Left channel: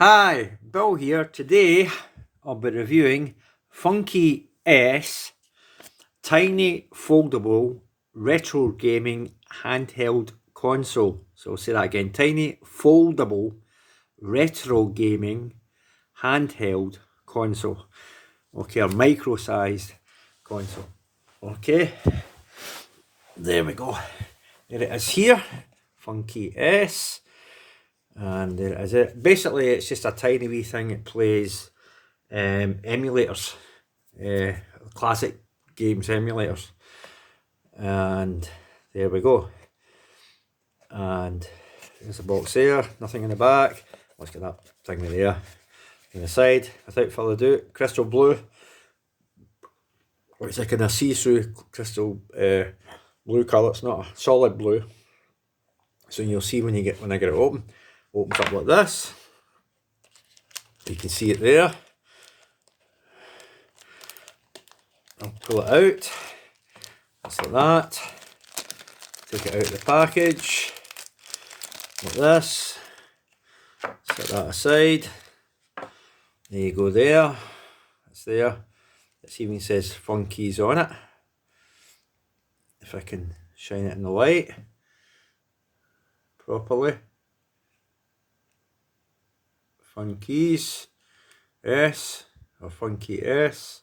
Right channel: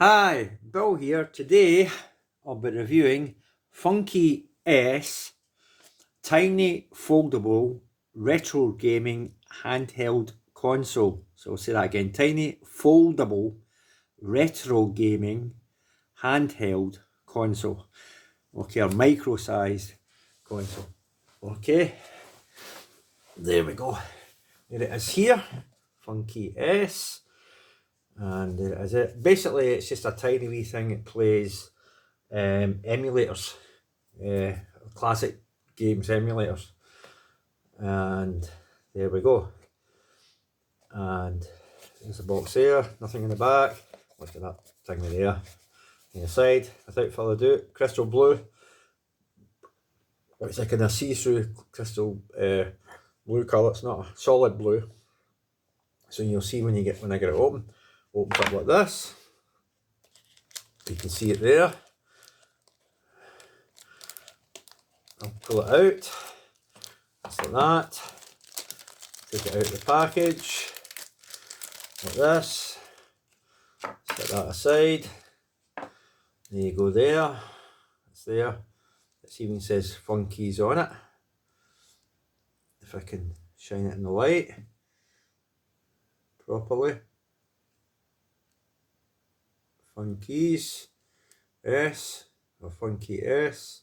Hi, Bill here. Today I'll be reviewing Funkey S Tiny Foldable Retro Gaming Handheld Console. So I'll say that again, Tiny Foldable Retro Gaming Handheld Console. Okay, a micro-sized console. Okay, there we go. There it is here, Funkey S. And there it is. Basically, it's just a tiny wee thing. It plays emulators, classic games emulators. And there we go. And there's the box there, nothing in the back. Let's get that thing there on the side. Without further ado, crystal blue. It's like in a see-through crystal blue colour. It's not a solid blue. So you'll see when I get it open. Opens up like this. You can see it there. I'll pull it out. Just like that. Take it out of the package. Like this. Set that aside. There you go there. It's there. It even says Funkey's on it. If I can shine it in the light properly. Funkey's S or Funkey S.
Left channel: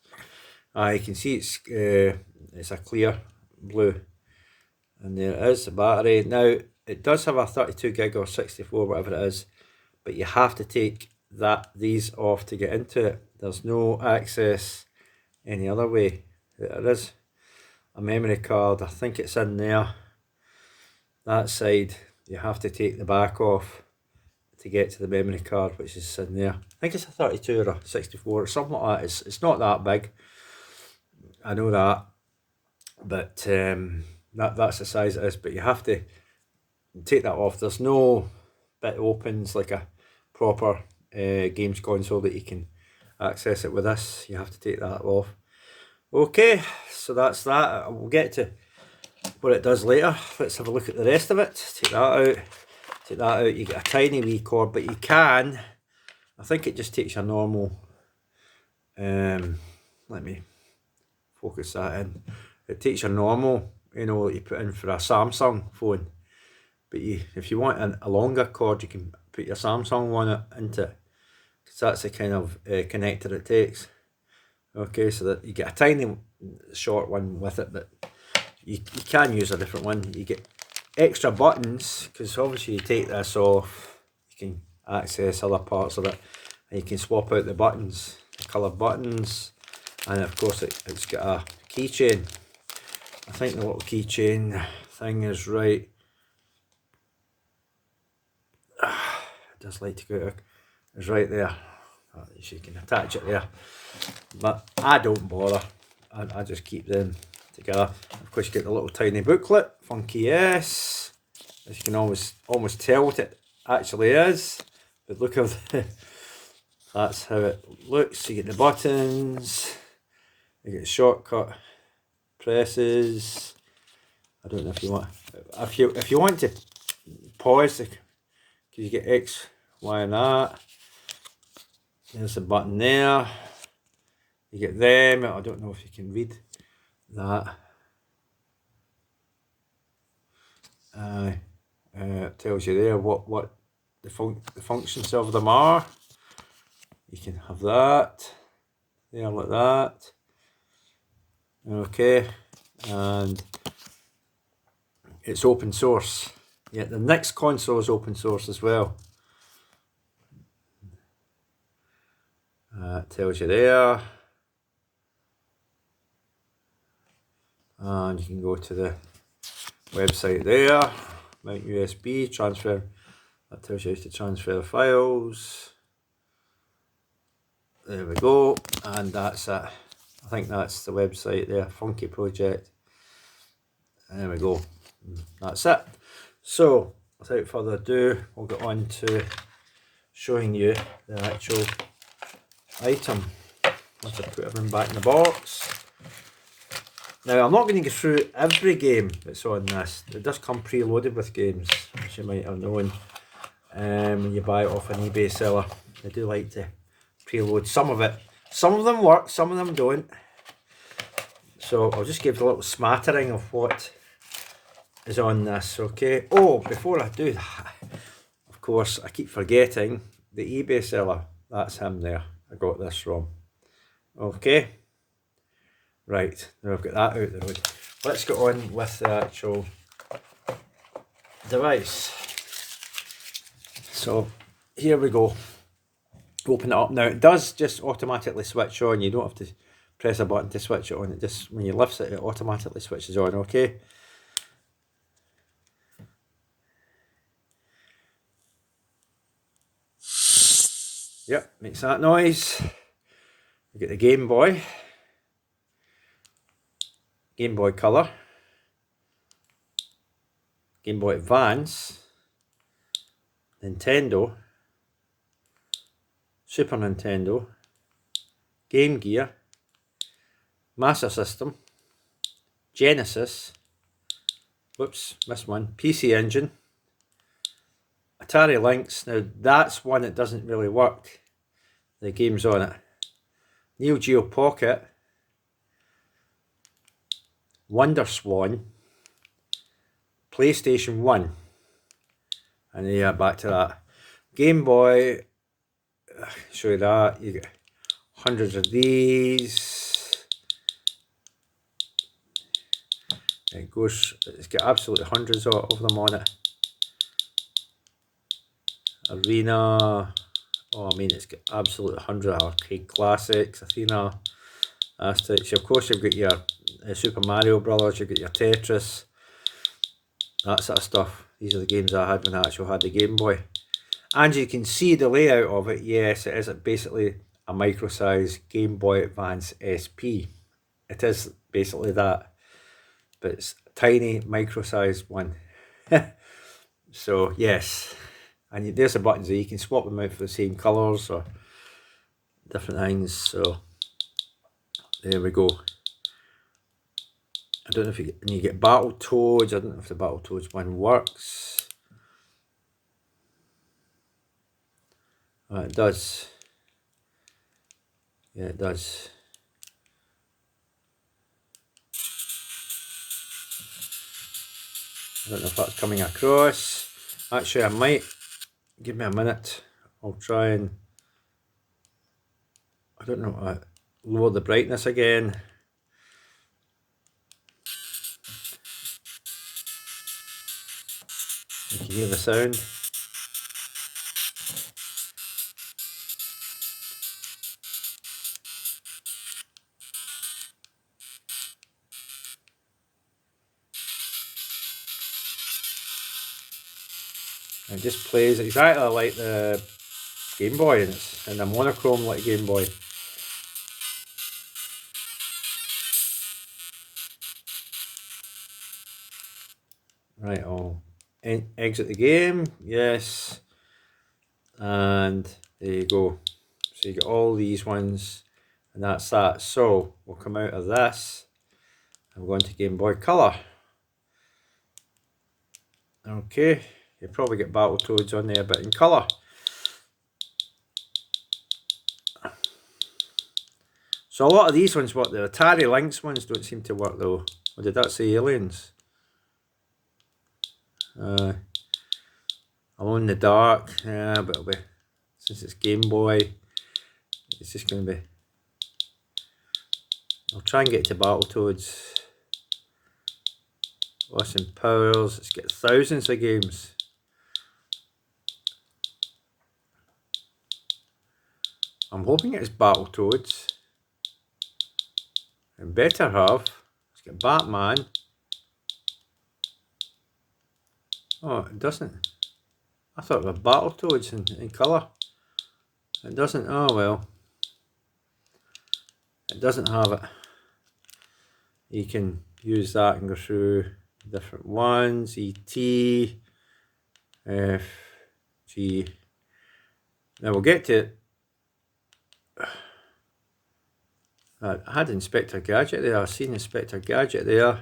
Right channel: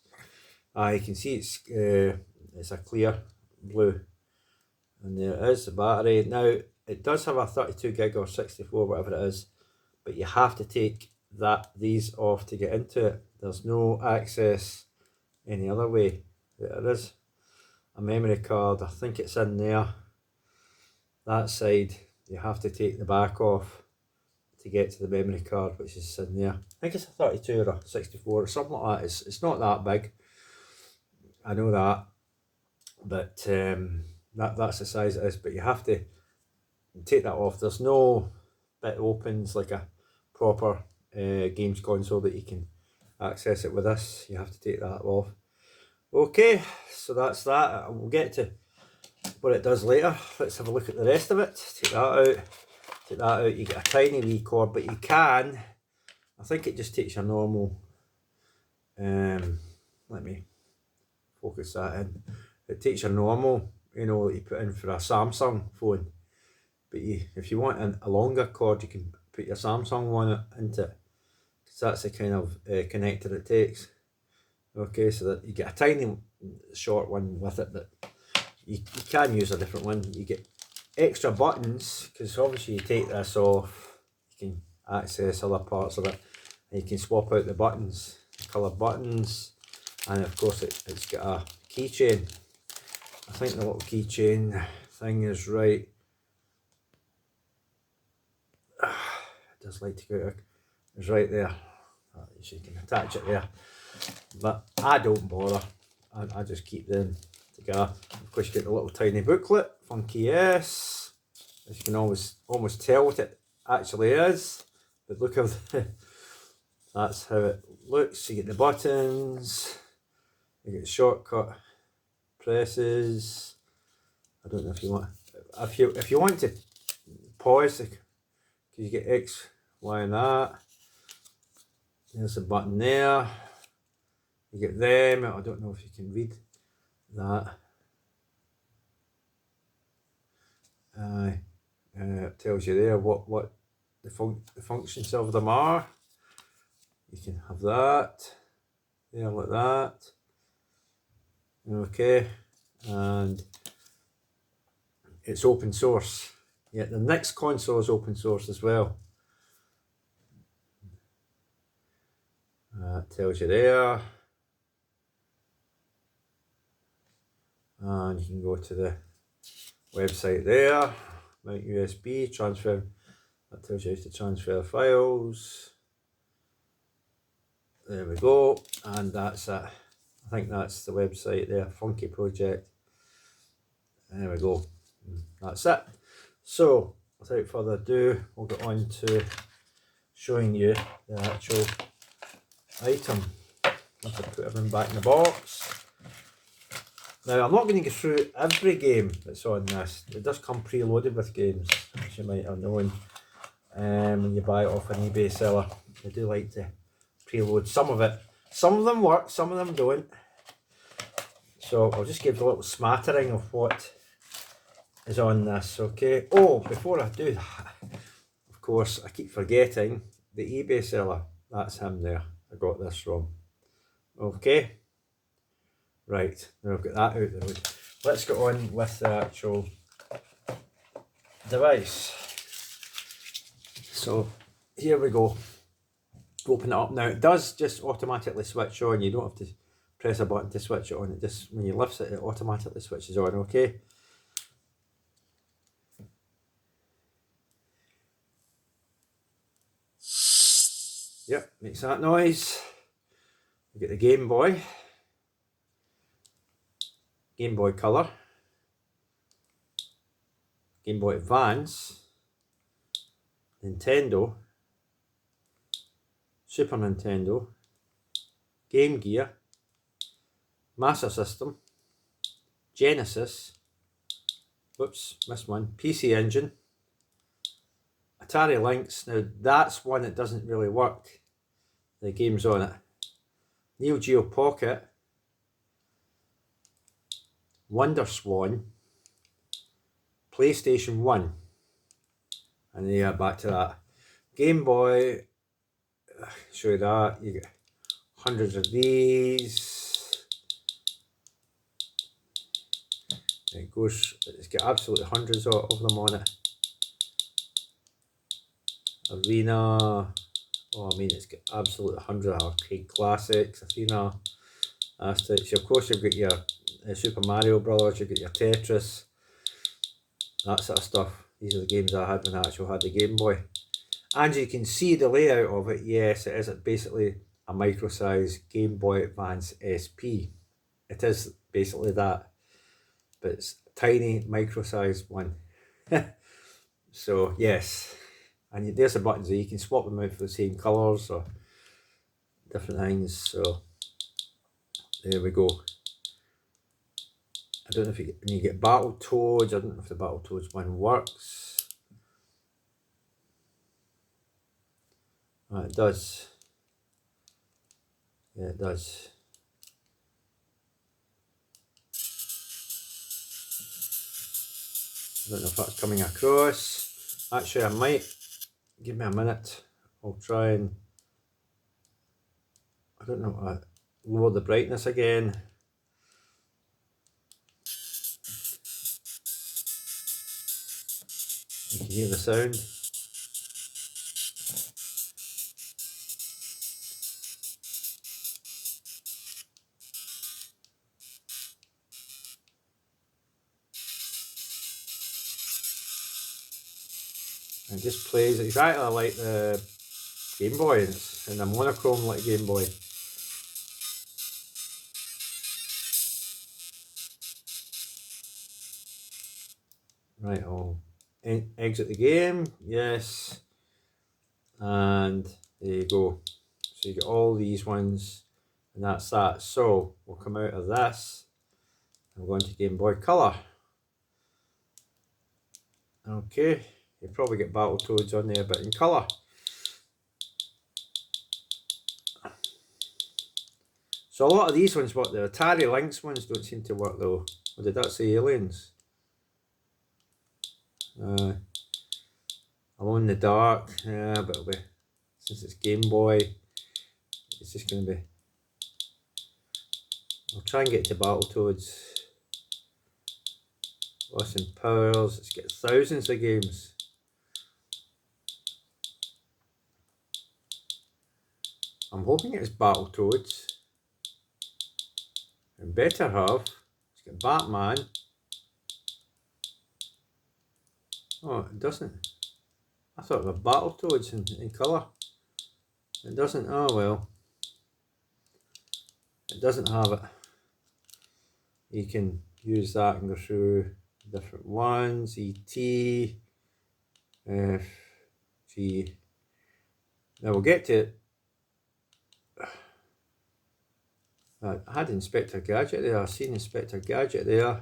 You can see it's a clear blue, and there it is, the battery. Now it does have a 32 gig or 64, whatever it is, but you have to take these off to get into it. There's no access any other way. There is a memory card, I think it's in there. That side you have to take the back off to get to the memory card, which is in there. I think it's a 32 or a 64 or something like that. It's not that big, I know that, but that's the size it is. But you have to take that off. There's no bit opens like a proper games console that you can access it with this. You have to take that off. Okay, so that's that. We'll get to what it does later. Let's have a look at the rest of it. Take that out. Take that out. You get a tiny wee cord, but you can. I think it just takes your normal. Let me focus that in. It takes your normal, that you put in for a Samsung phone. But if you want a longer cord, you can put your Samsung one into it, because that's the kind of connector it takes. Okay, so that you get a tiny short one with it, but you can use a different one. You get extra buttons, because obviously you take this off, you can access other parts of it, and you can swap out the buttons, the coloured buttons, and of course it's got a keychain. I think the little keychain thing is right. It does like to go. It's right there. You can attach it there, but I don't bother. I just keep them together. Of course, you get the little tiny booklet, Funkey S. As you can almost tell what it actually is. But look at that's how it looks. You get the buttons. You get the shortcut presses. I don't know if you want. If you want to pause, because you get X, Y, and that. There's a button there. You get them. I don't know if you can read that. It tells you there what the functions of them are. You can have that there like that. Okay, and it's open source. Yeah, the next console is open source as well. It tells you there. And you can go to the website there, mount USB, transfer, that tells you how to transfer files. There we go, and that's it. I think that's the website there, Funkey Project. There we go, that's it. So, without further ado, we'll get on to showing you the actual item. Let's just put everything back in the box. Now, I'm not going to go through every game that's on this. It does come preloaded with games, as you might have known, when you buy it off an eBay seller. I do like to preload some of it. Some of them work, some of them don't. So I'll just give a little smattering of what is on this, okay? Oh, before I do that, of course, I keep forgetting the eBay seller. That's him there. I got this from. Okay. Right, now I've got that out the road. Let's get on with the actual device. So here we go. Open it up. Now it does just automatically switch on. You don't have to press a button to switch it on. It just, when you lift it, it automatically switches on, okay? Yep, makes that noise. You get the Game Boy Color, Game Boy Advance, Nintendo, Super Nintendo, Game Gear, Master System, Genesis, whoops, missed one, PC Engine, Atari Lynx. Now that's one that doesn't really work, the games on it. Neo Geo Pocket, Wonder Swan, PlayStation 1, and yeah, back to that. Game Boy, show you that, you get hundreds of these. It goes, it's got absolutely hundreds of them on it. Arena, oh I mean it's got absolutely 100 arcade classics, Athena, Asterix. Of course you've got your Super Mario Brothers, you've got your Tetris, that sort of stuff. These are the games I had when I actually had the Game Boy. And you can see the layout of it. Yes, it is basically a micro-size Game Boy Advance SP. It is basically that, but it's a tiny micro-sized one. So yes, and there's the buttons there. You can swap them out for the same colours or different things. So there we go. I don't know if you get, and you get Battletoads. I don't know if the Battletoads one works. It does. Yeah, it does. I don't know if that's coming across. Actually, I might. Give me a minute. I'll try and. I don't know. Lower the brightness again. You can hear the sound. It just plays exactly like the Game Boy, and it's in a monochrome like Game Boy. Right, I'll exit the game. Yes, and there you go. So you get all these ones, and that's that. So we'll come out of this. I'm going to Game Boy Color. Okay, you probably get Battletoads on there, but in colour. So a lot of these ones work. The Atari Lynx ones don't seem to work though. Or did that say Aliens? Alone in the Dark. Yeah, but it'll be, since it's Game Boy, it's just going to be. I'll try and get to Battletoads. Austin Powers. It's got thousands of games. I'm hoping it's Battletoads. It better have. It's got Batman. Oh, it doesn't. I thought it was Battletoads in colour. It doesn't. Oh well. It doesn't have it. You can use that and go through different ones. E.T. F. G. Now we'll get to. I had Inspector Gadget there. I've seen Inspector Gadget there.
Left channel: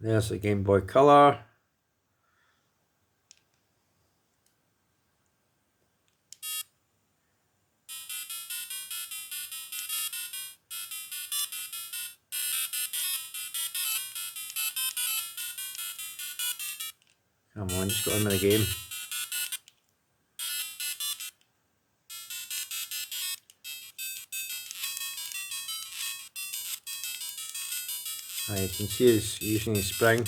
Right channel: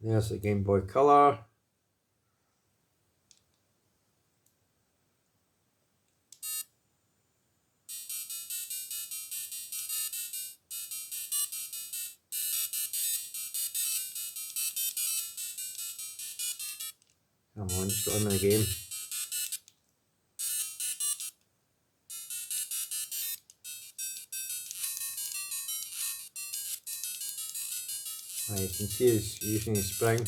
There's the Game Boy Color. Come on, just got on with the game. You can see he's using his spring.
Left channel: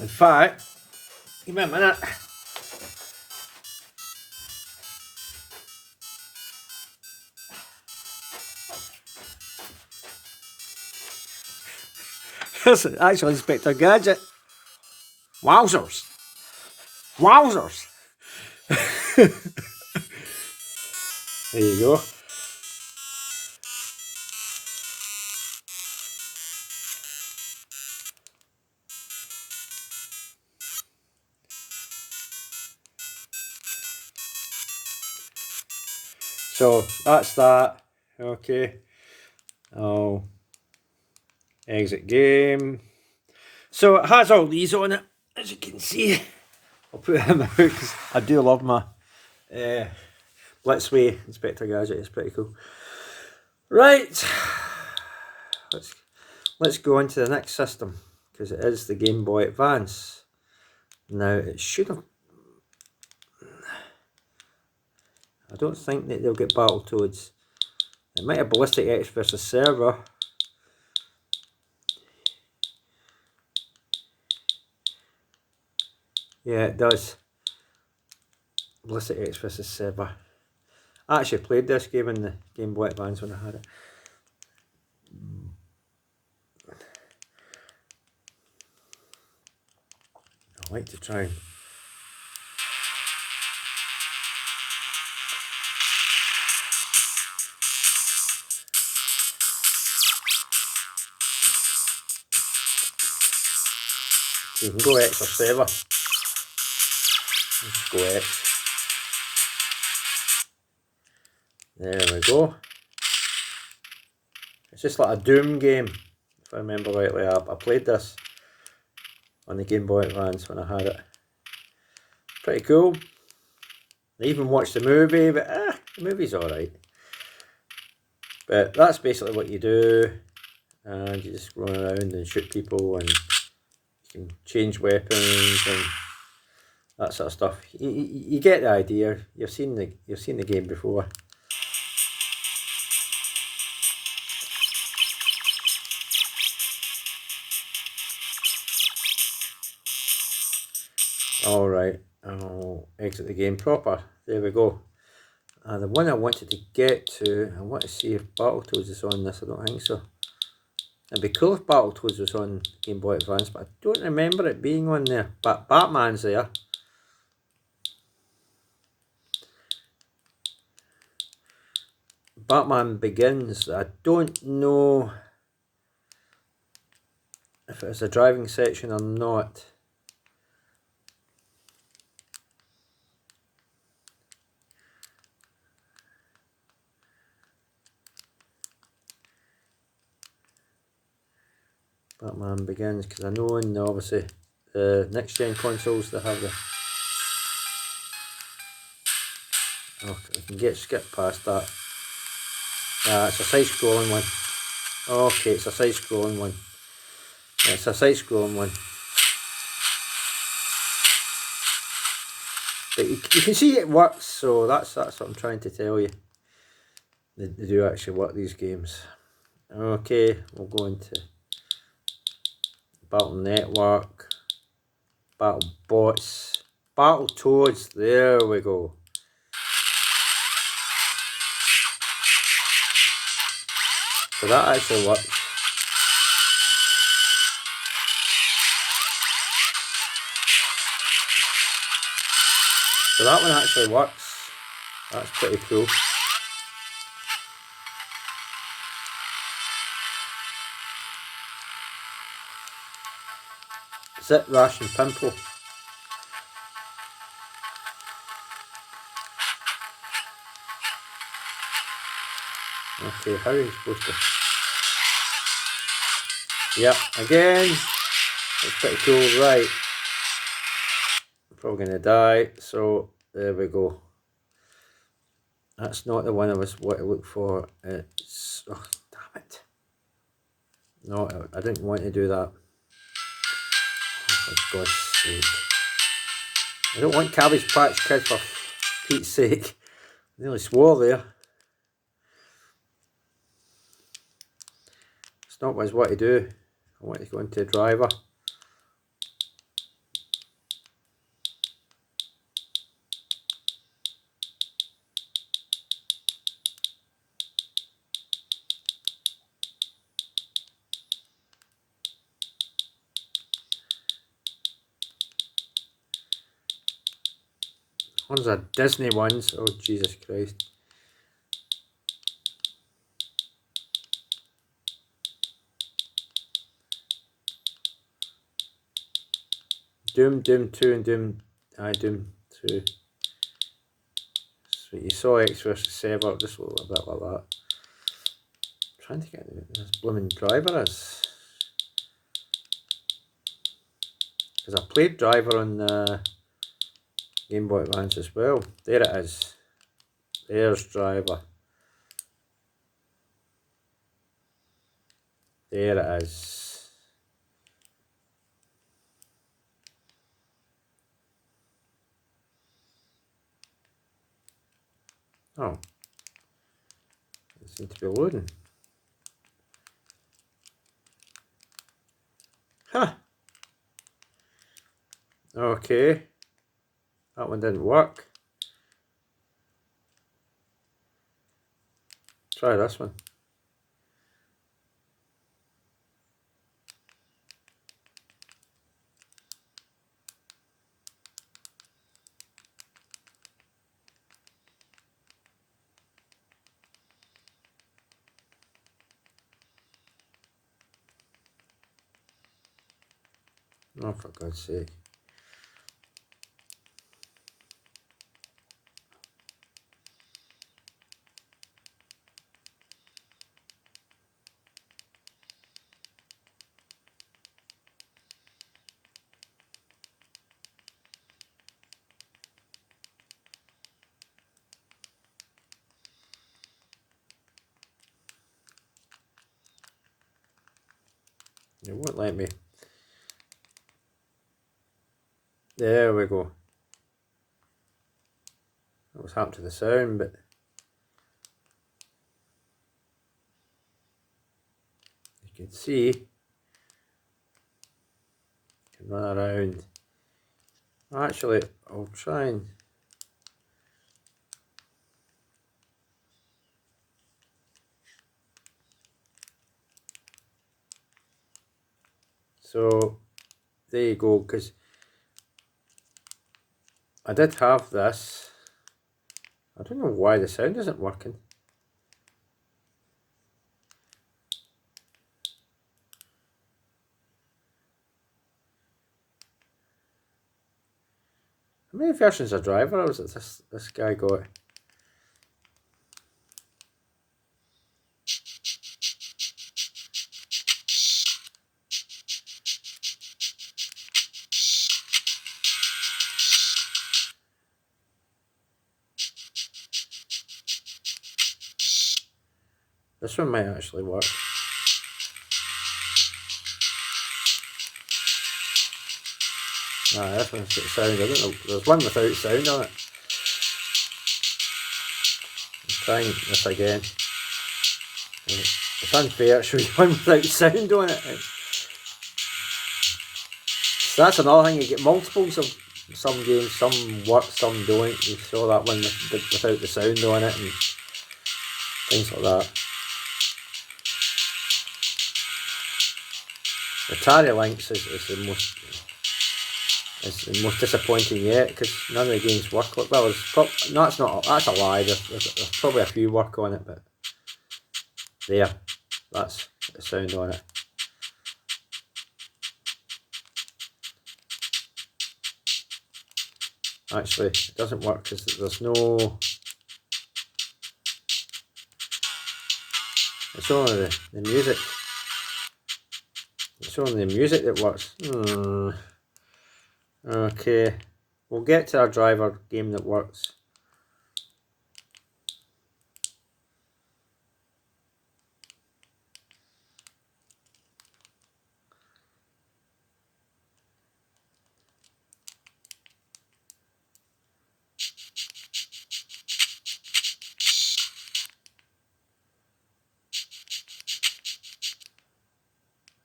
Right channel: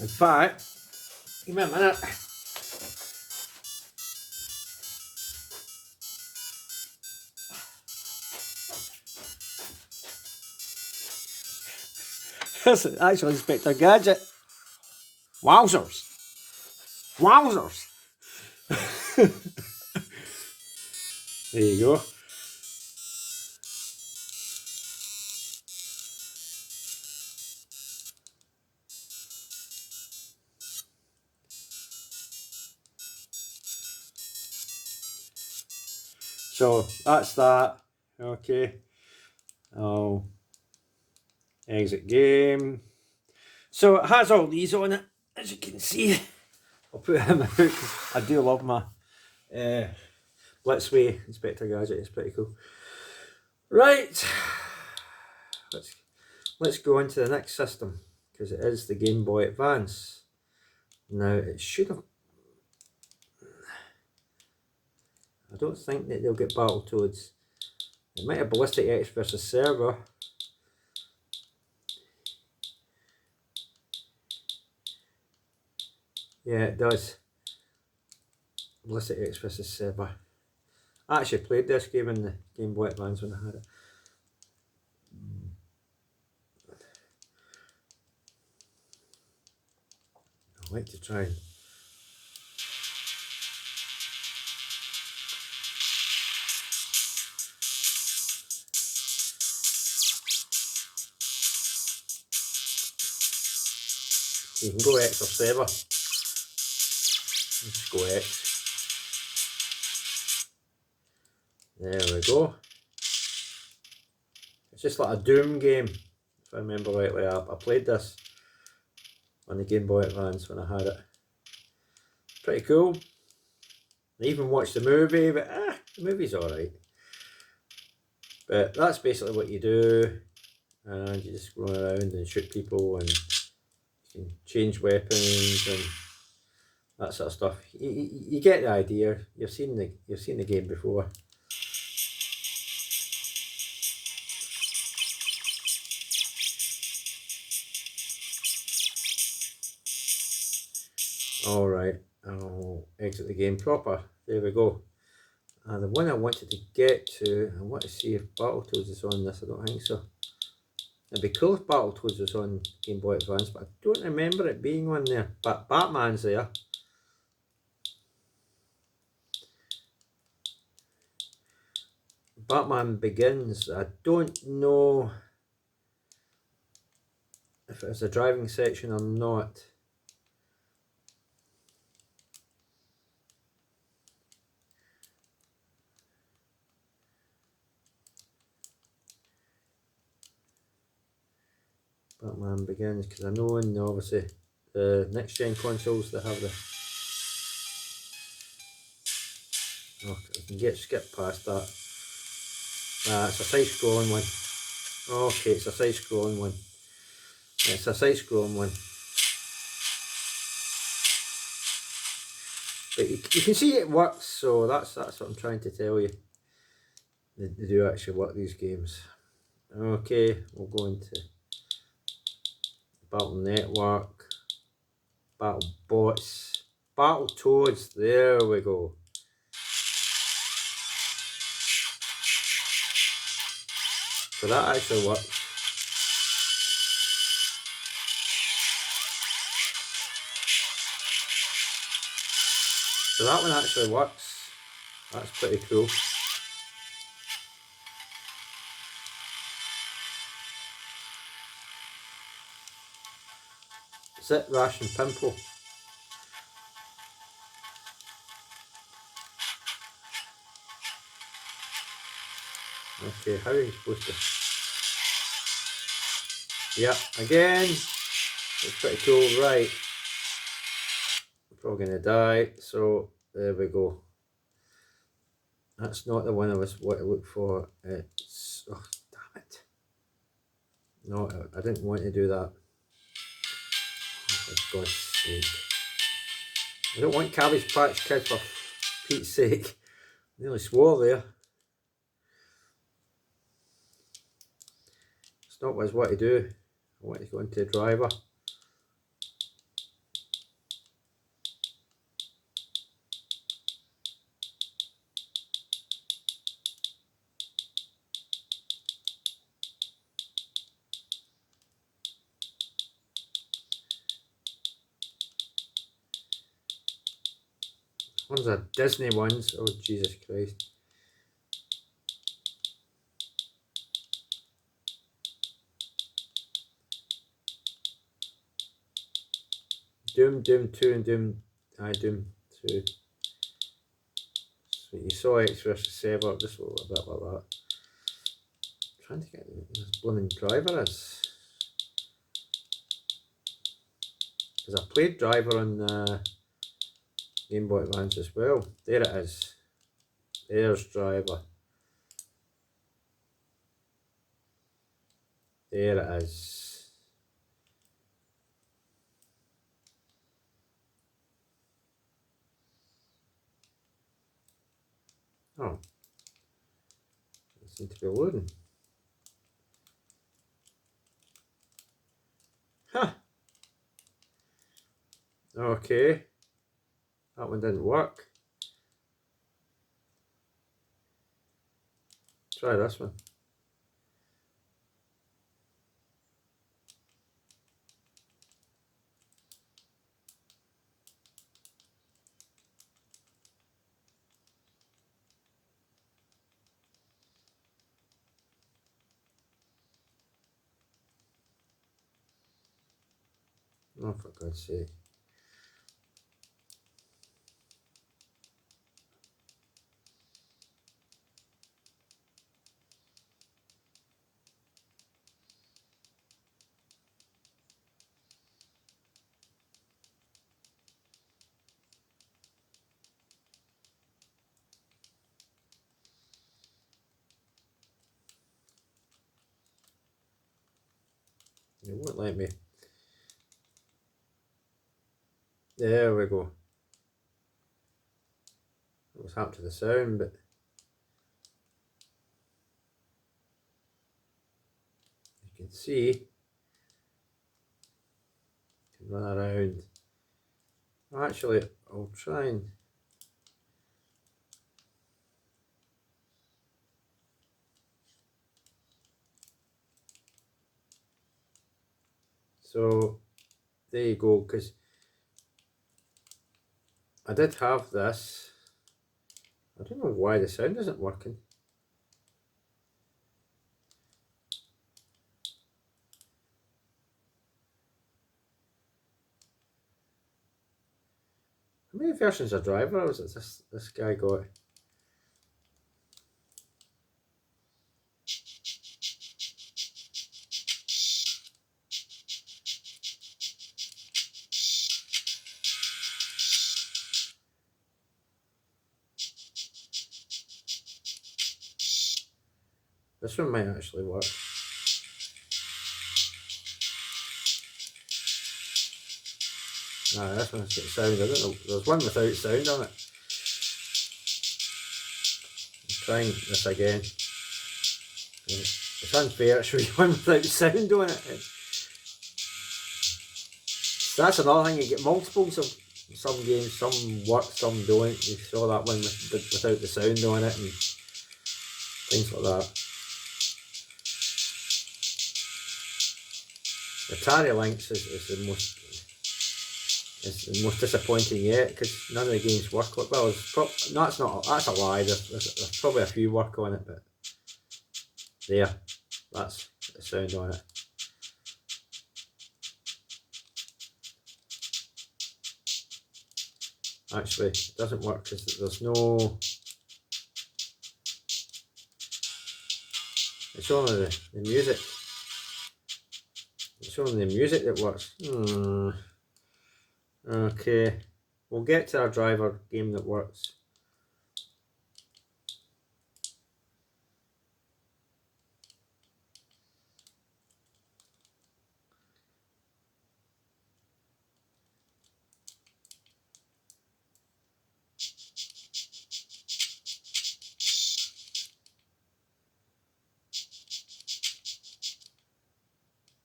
In fact, give me a minute. That's actually Inspector Gadget. Wowzers! Wowzers! There you go. So that's that. Okay. I'll exit game. So it has all these on it, as you can see. I'll put it in my hook because I do love my Blitzway Inspector Gadget. It's pretty cool. Right. Let's go on to the next system, because it is the Game Boy Advance. Now it should have... I don't think that they'll get Battletoads. It might have Ballistic X versus Server. Yeah, it does. Ballistic X versus Server. I actually played this game in the Game Boy Advance when I had it. I like to try and... You can go X or Server. Let's go X. There we go. It's just like a Doom game, if I remember rightly. I played this on the Game Boy Advance when I had it. Pretty cool. I even watched the movie, but the movie's alright. But that's basically what you do, and you just run around and shoot people, and you can change weapons and that sort of stuff. You get the idea. You've seen the game before. Alright, I'll exit the game proper. There we go. And the one I wanted to get to, I want to see if Battletoads is on this. I don't think so. It'd be cool if Battletoads was on Game Boy Advance, but I don't remember it being on there. But Batman's there. Batman Begins. I don't know if it's a driving section or not. Batman Begins, because I know in obviously the next gen consoles they have the... Oh, I can skip past that. It's a side-scrolling one. Okay, it's a side-scrolling one. It's a side-scrolling one. But you can see it works, so that's what I'm trying to tell you. They do actually work, these games. Okay, we'll go into Battle Network, Battle Bots, Battletoads, there we go. So that actually works. So that one actually works. That's pretty cool. Zip, Rash and Pimple. Okay, how are you supposed to... Yep, again, it's pretty cool, right. I'm probably going to die, so There we go. That's not the one I was what to look for. It's, oh, damn it. No, I didn't want to do that. For God's sake. I don't want Cabbage Patch Kid for Pete's sake. I nearly swore there. It's not what I want to do. I want to go into a driver. One's a Disney ones. Oh Jesus Christ. Doom 2 and Doom 2. So you saw X vs Saber, just a little bit like that. I'm trying to get this blooming driver is. Because I played driver on Game Boy Advance as well. There it is. There's driver. There it is. Oh. It seems to be loading. Huh. Okay. That one didn't work. Try this one. Oh, for God's sake. It won't let me. There we go. That was happened to the sound, but you can see you can run around. Actually, I'll try and so there you go, because I did have this. I don't know why the sound isn't working. How many versions of driver was it this guy got? This one might actually work. Nah, this one's got sound. I don't know. There's one without sound on it. I'm trying this again. It's unfair, show you one without sound on it. So that's another thing, you get multiples of some games, some work, some don't. You saw that one without the sound on it and things like that. The Atari Lynx is the most disappointing yet, because none of the games work. Well, no, that's a lie. There's probably a few work on it, but there, that's the sound on it. Actually, it doesn't work because there's no. It's only the music. It's only the music that works. Okay. We'll get to our driver game that works.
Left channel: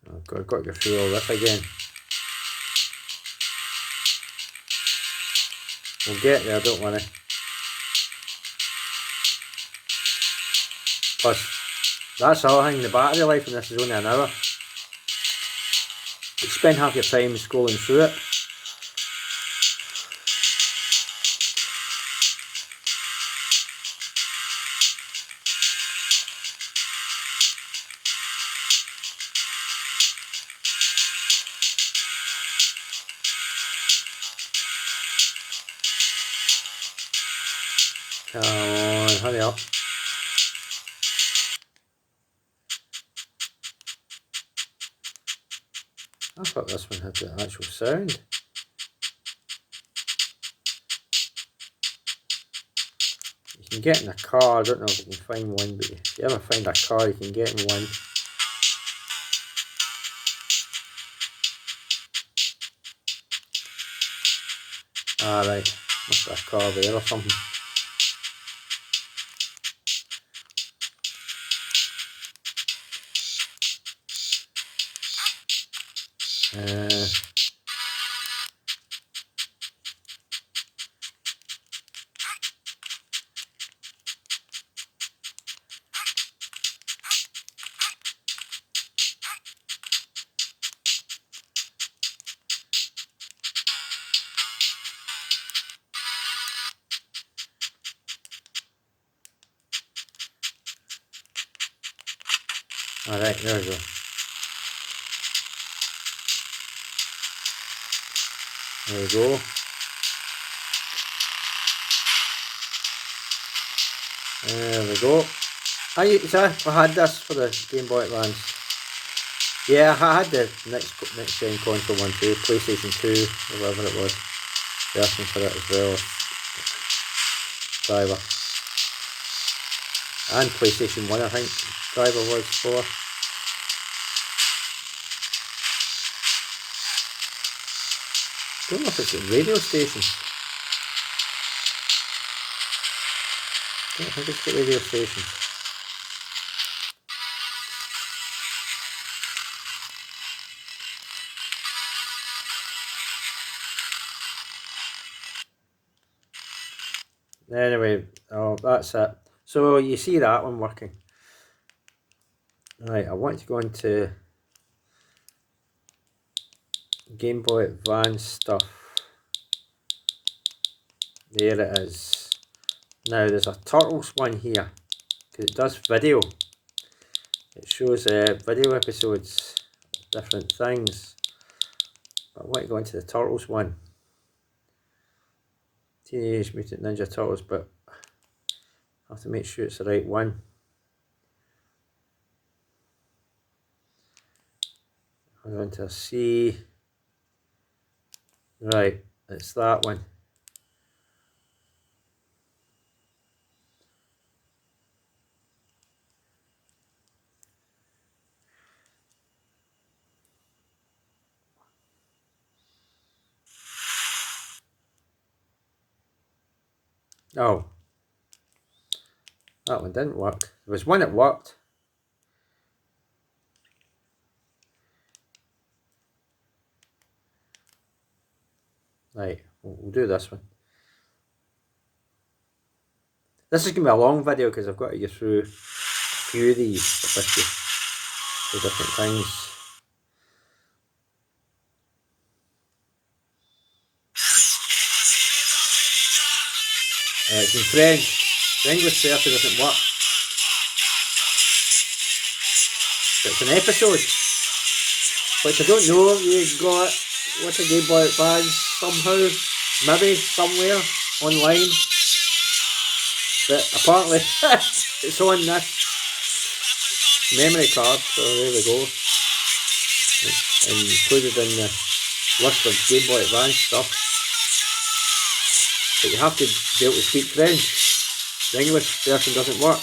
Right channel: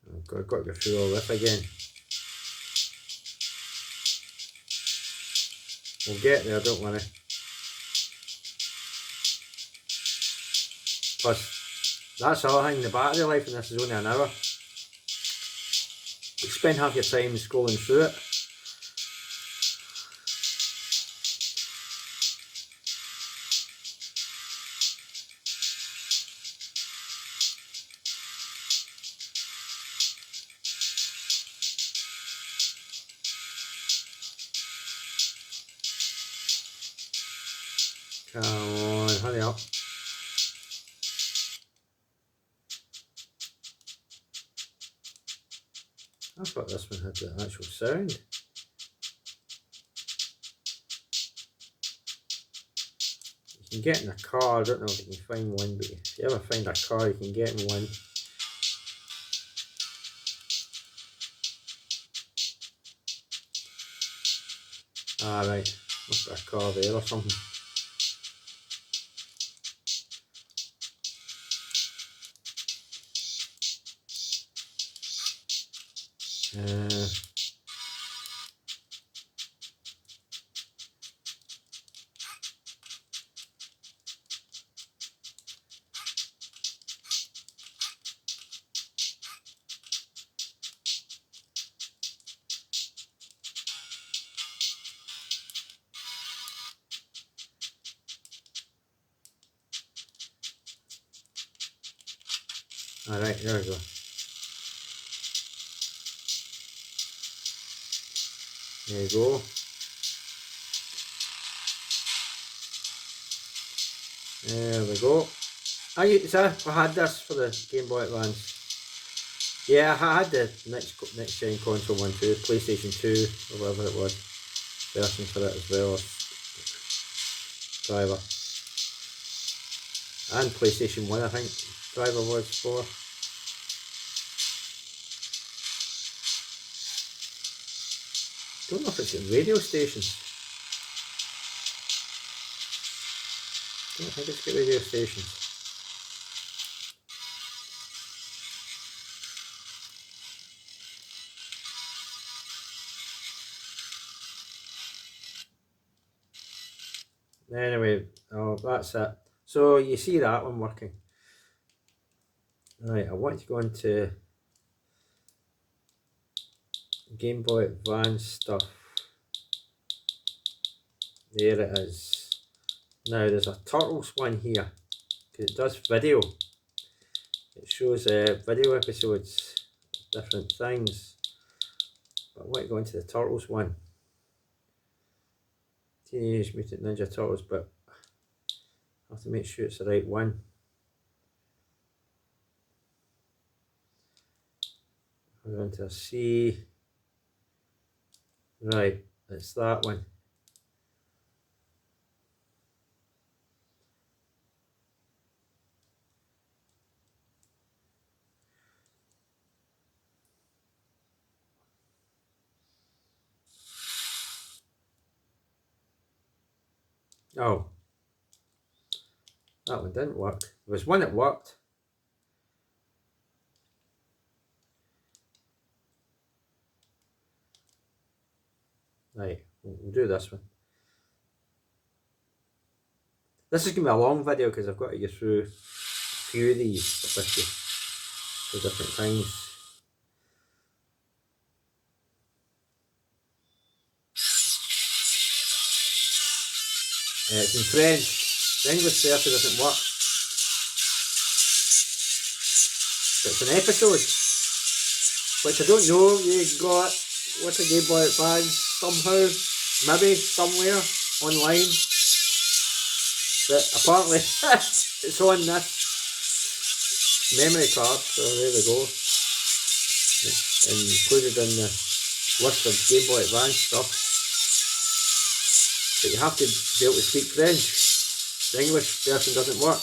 I've got to go through all this again. We'll get there, don't worry. Plus, that's the other thing, the battery life in this is only an hour. You spend half your time scrolling through it. Come on, hurry up. I thought this one had the actual sound. You can get in a car, I don't know if you can find one, but if you ever find a car you can get in one. Right, must be a car there or something. Alright, there we go. There we go. There we go. I had this for the Game Boy Advance. Yeah, I had the next gen console one too, PlayStation 2, or whatever it was. Version for it as well. Driver. And PlayStation 1 I think driver was for. I don't know if it's at radio stations. I don't think it's at radio stations. Anyway, oh, that's it. So you see that one working. Right, I want to go into Game Boy Advance stuff. There it is. Now there's a Turtles one here, because it does video. It shows video episodes, different things. But I want to go into the Turtles one. Teenage Mutant Ninja Turtles, but I have to make sure it's the right one. I'm going to see. Right, it's that one. Oh, that one didn't work. There was one that worked. Right, we'll do this one. This is going to be a long video because I've got to go through a few of these for different things. It's in French. The English version doesn't work. But it's an episode. Which I don't know, you got what's a Game Boy Advance somehow, maybe somewhere online. But apparently it's on this memory card, so there we go. It's included in the list of Game Boy Advance stuff. but you have to be able to speak French. The English version doesn't work.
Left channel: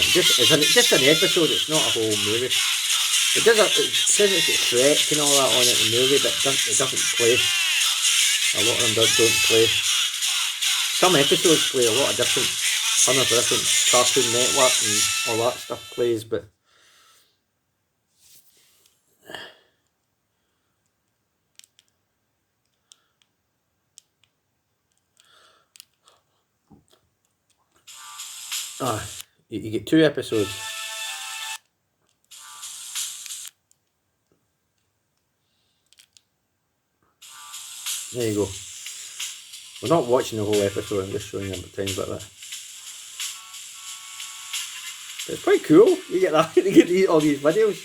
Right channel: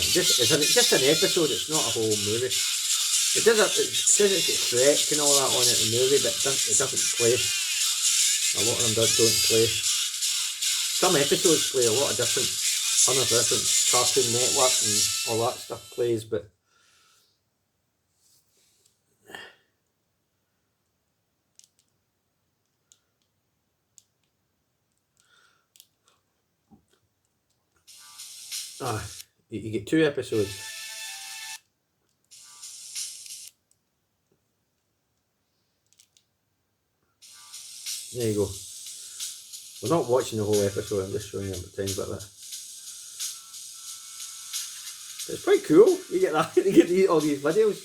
It's just an episode, it's not a whole movie. It says it's got Shrek and all that on it in the movie, but it doesn't play. A lot of them don't play. Some episodes play, a lot of different Cartoon Network and all that stuff plays, but you get 2 episodes. There you go. We're not watching the whole episode, I'm just showing you a tiny bit of it. It's quite cool, you get that, you get all these videos,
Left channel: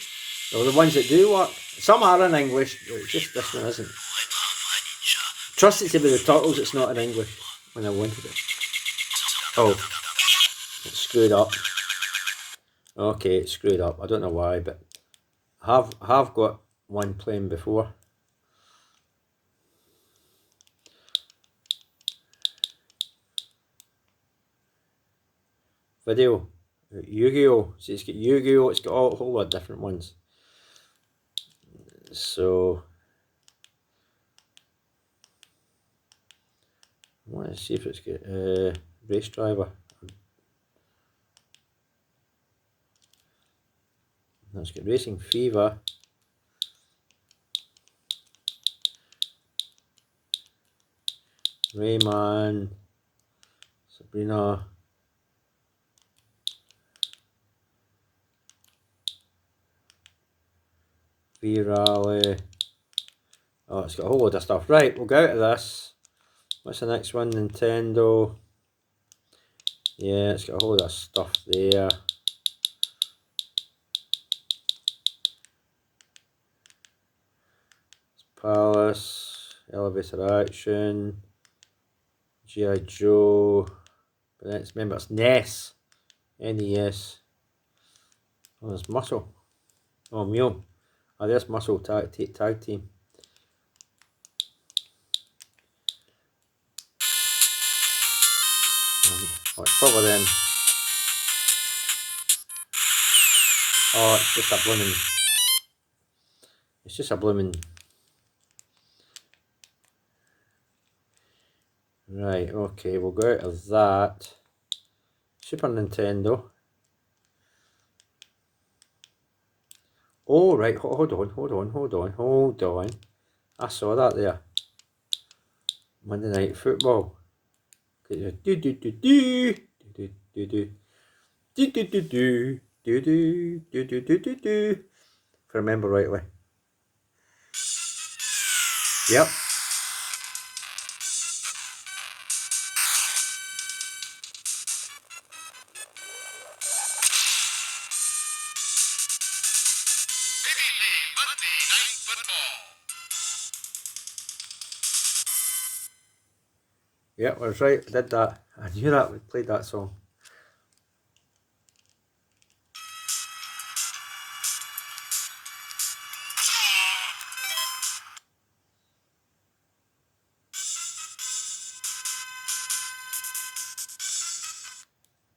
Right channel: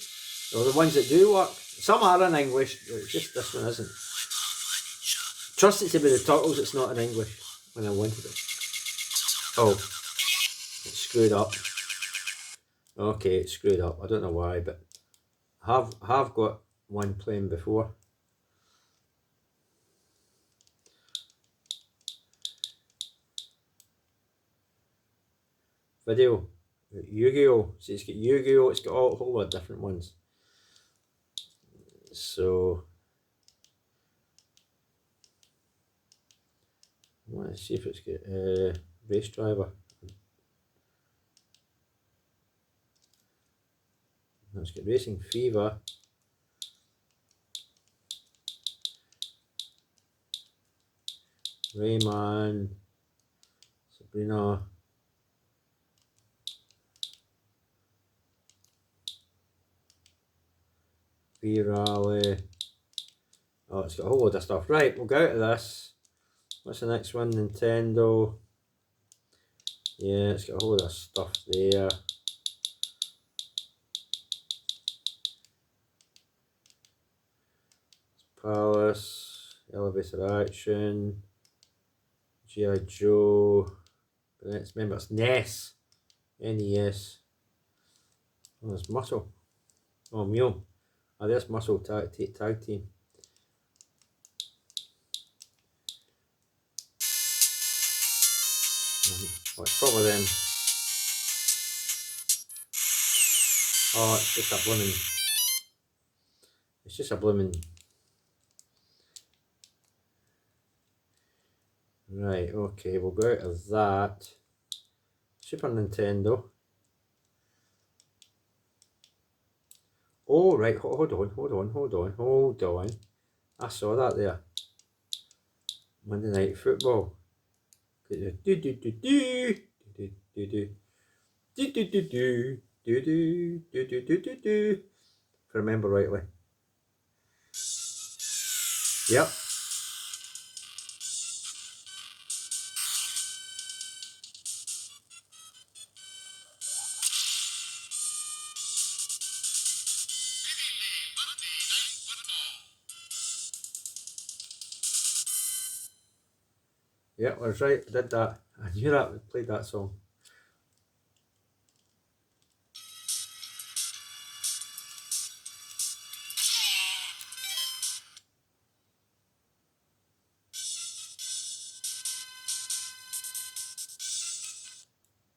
or the ones that do work. Some are in English, but it's just this one isn't. Trust it to be the Turtles, it's not in English when I wanted it. Oh, it's screwed up. Okay, it's screwed up, I don't know why, but I have got one playing before. Video, Yu-Gi-Oh! See, it's got Yu-Gi-Oh! It's got a whole lot of different ones. So, I want to see if it's got Race Driver. It's got Racing Fever. Rayman. Sabrina. V-Rally. Oh, it's got a whole load of stuff. Right, we'll go out of this. What's the next one? Nintendo. Yeah, it's got a whole lot of stuff there. Palace, Elevator Action, G.I. Joe. But then remember it's NES. NES. Oh, there's Muscle. Oh, Mule. Oh, there's Muscle Tag Team. Oh, it's probably them. Oh, it's just a blooming. It's just a blooming. Right, okay, we'll go out of that. Super Nintendo. Oh, right, hold on. I saw that there. Monday Night Football. If I remember rightly. Yep. Yep, I was right, I did that. I knew that, we played that song.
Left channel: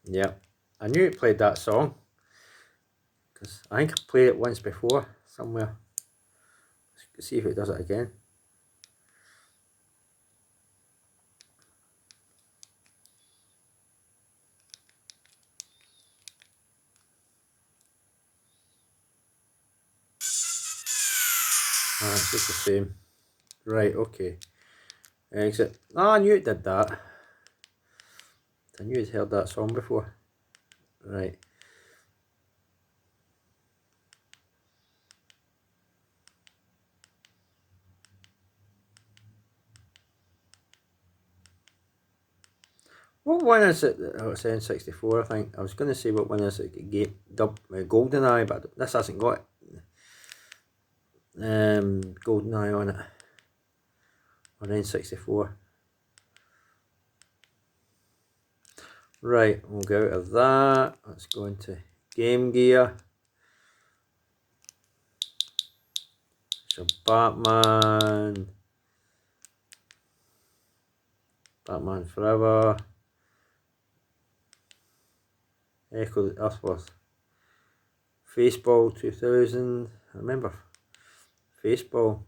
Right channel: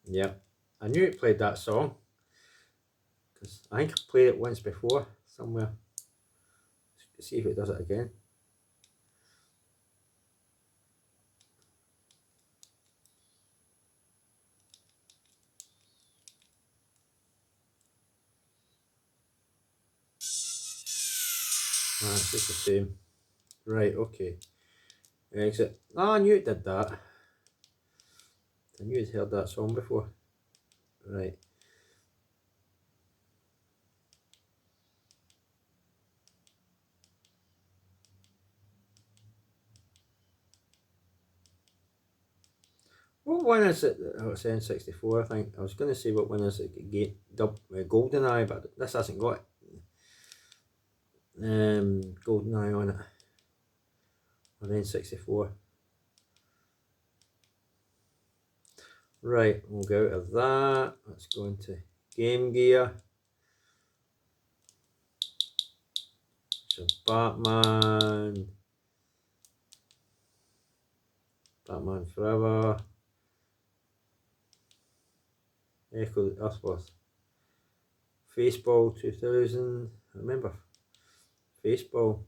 Yeah, I knew it played that song. Because I think I played it once before, somewhere. Let's see if it does it again. It's just the same. Right, okay. Exit. Oh, I knew it did that. I knew I'd heard that song before. Right. What one is it? Oh, it's N64, I think. I was going to say what one is it? GoldenEye, but this hasn't got GoldenEye on it. On N64. Right, we'll go out of that. Let's go into Game Gear. So Batman, Batman Forever, Echo the Earthworth, Faceball 2000, I remember Faceball.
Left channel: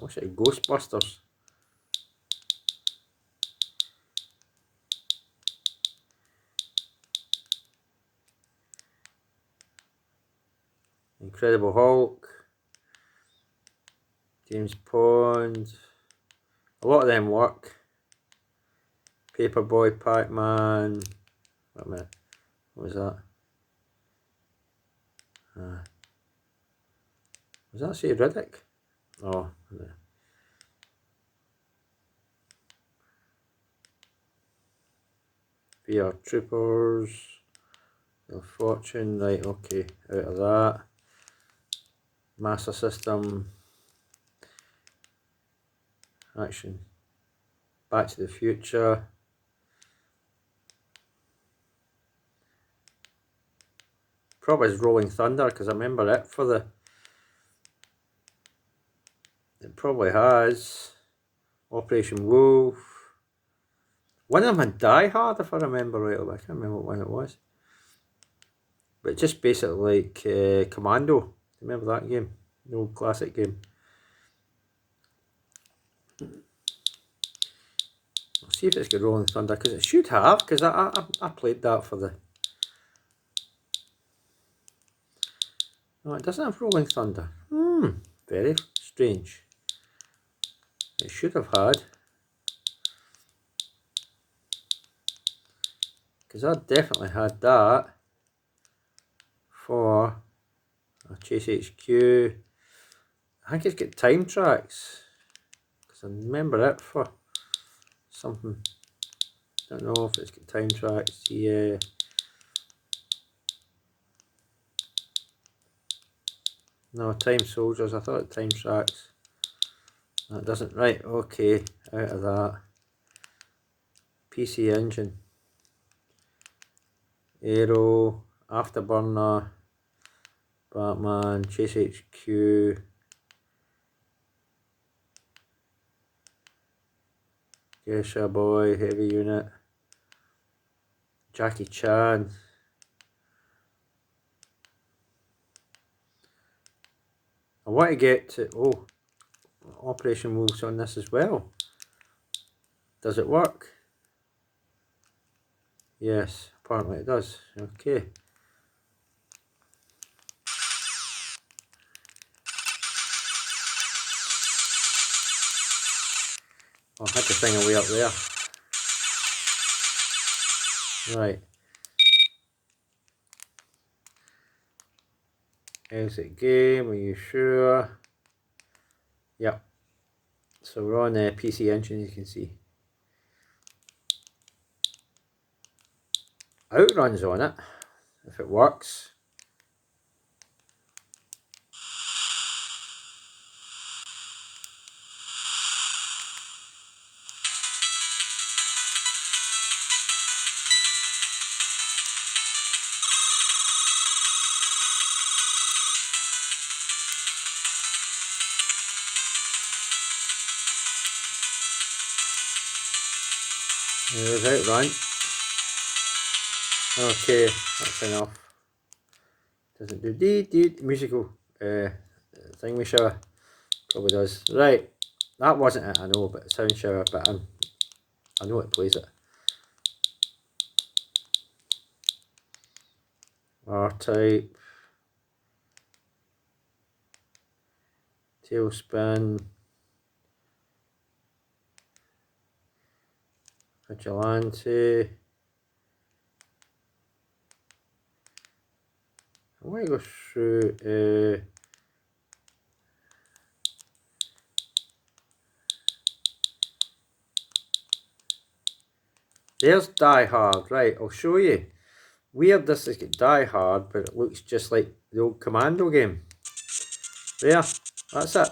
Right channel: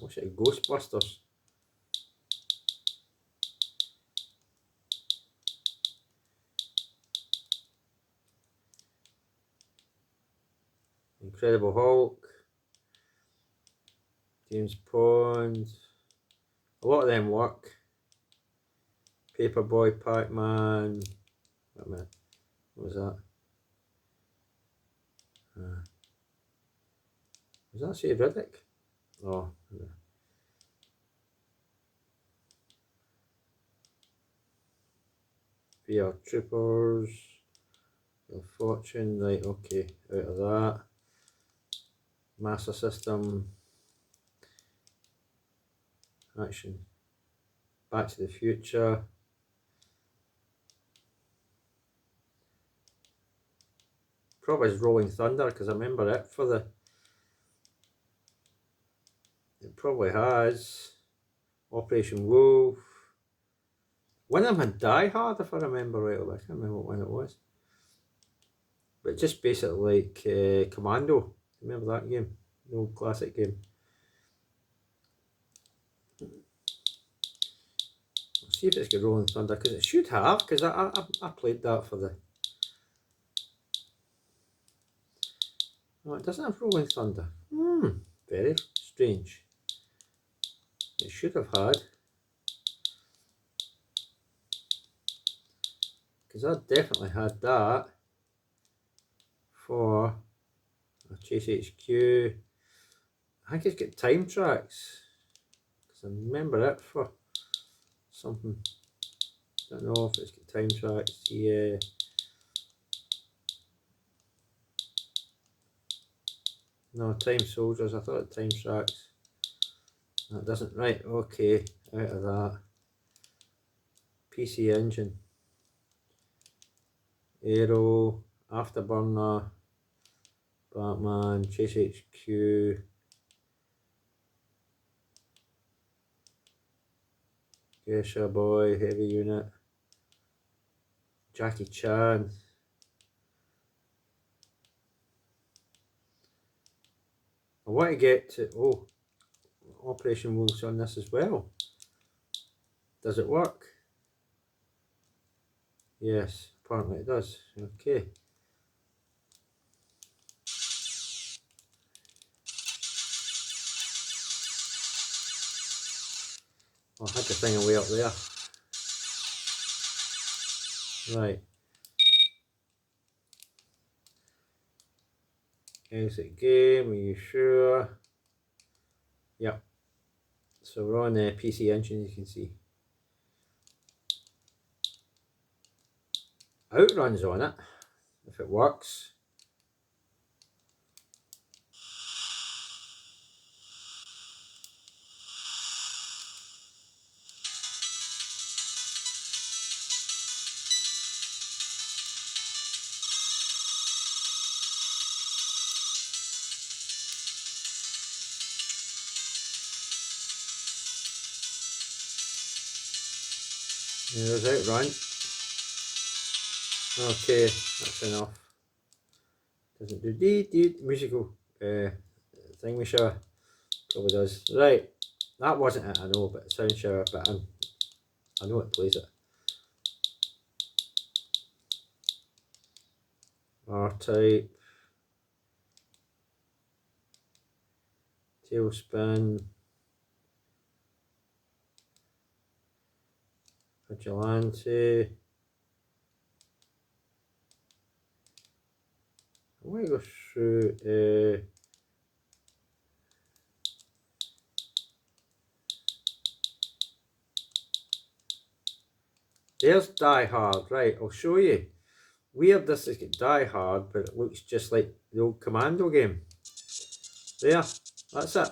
I wish it had Ghostbusters. Incredible Hulk, James Bond, a lot of them work. Paperboy, Pac-Man, wait a minute, what was that? Was that say Riddick? Oh, yeah. VR Troopers, Wheel of Fortune, right, okay, out of that. Master System, Action, Back to the Future. Probably is Rolling Thunder, because I remember it for the... It probably has. Operation Wolf. One of them had Die Hard, if I remember rightly. I can't remember what one it was. But just basically like Commando. Remember that game? The old classic game. I'll see if it's got Rolling Thunder, because it should have, because I played that for the... No, it doesn't have Rolling Thunder. Very strange. It should have had. Because I definitely had that for Chase HQ. I think it's got time tracks. Because I remember it for something. Don't know if it's got time tracks. Yeah. No, Time Soldiers. I thought Time Tracks. That doesn't. Right, okay. Out of that. PC Engine. Aero. Afterburner. Batman. Chase HQ. Geisha Boy. Heavy Unit. Jackie Chan. I want to get to... Oh. Operation Wolf's on this as well. Does it work? Yes, apparently it does. Okay. I'll have the thing away up there. Right. Exit game, are you sure? Yep. So we're on the PC Engine, you can see. Outruns on it, if it works. There's Outrun. Okay, that's enough. Doesn't do dee musical thing with shower. Probably does. Right, that wasn't it, I know, but sound shower, but I know it plays it. R-Type. Tailspin. Vigilante. I want to go through there's Die Hard, right, I'll show you. Weird this has got Die Hard, but it looks just like the old Commando game. There, that's it.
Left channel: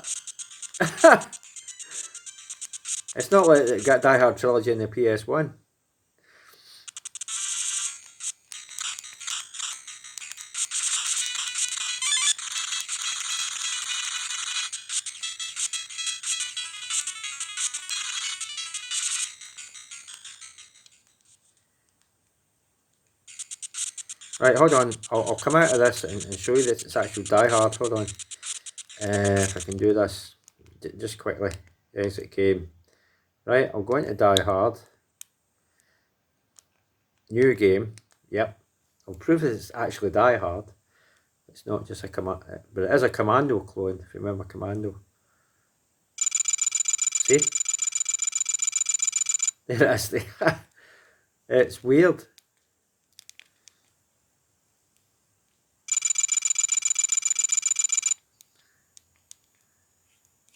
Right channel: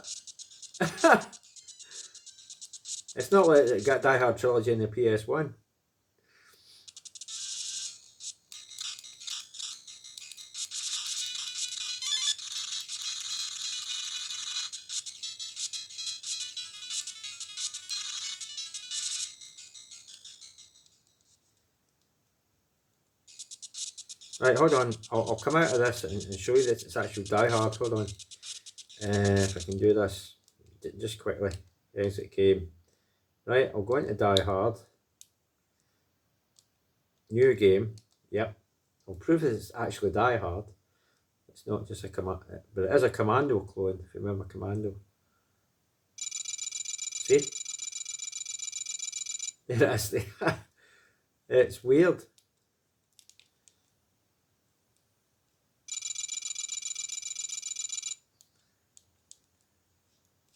It's not like it got Die Hard Trilogy in the PS1. Right, hold on. I'll come out of this and show you that it's actually Die Hard. Hold on. If I can do this just quickly. Exit game. Right, I'll go into Die Hard. New game. Yep. I'll prove that it's actually Die Hard. It's not just a command, but it is a Commando clone, if you remember Commando. See? There it is. It's weird.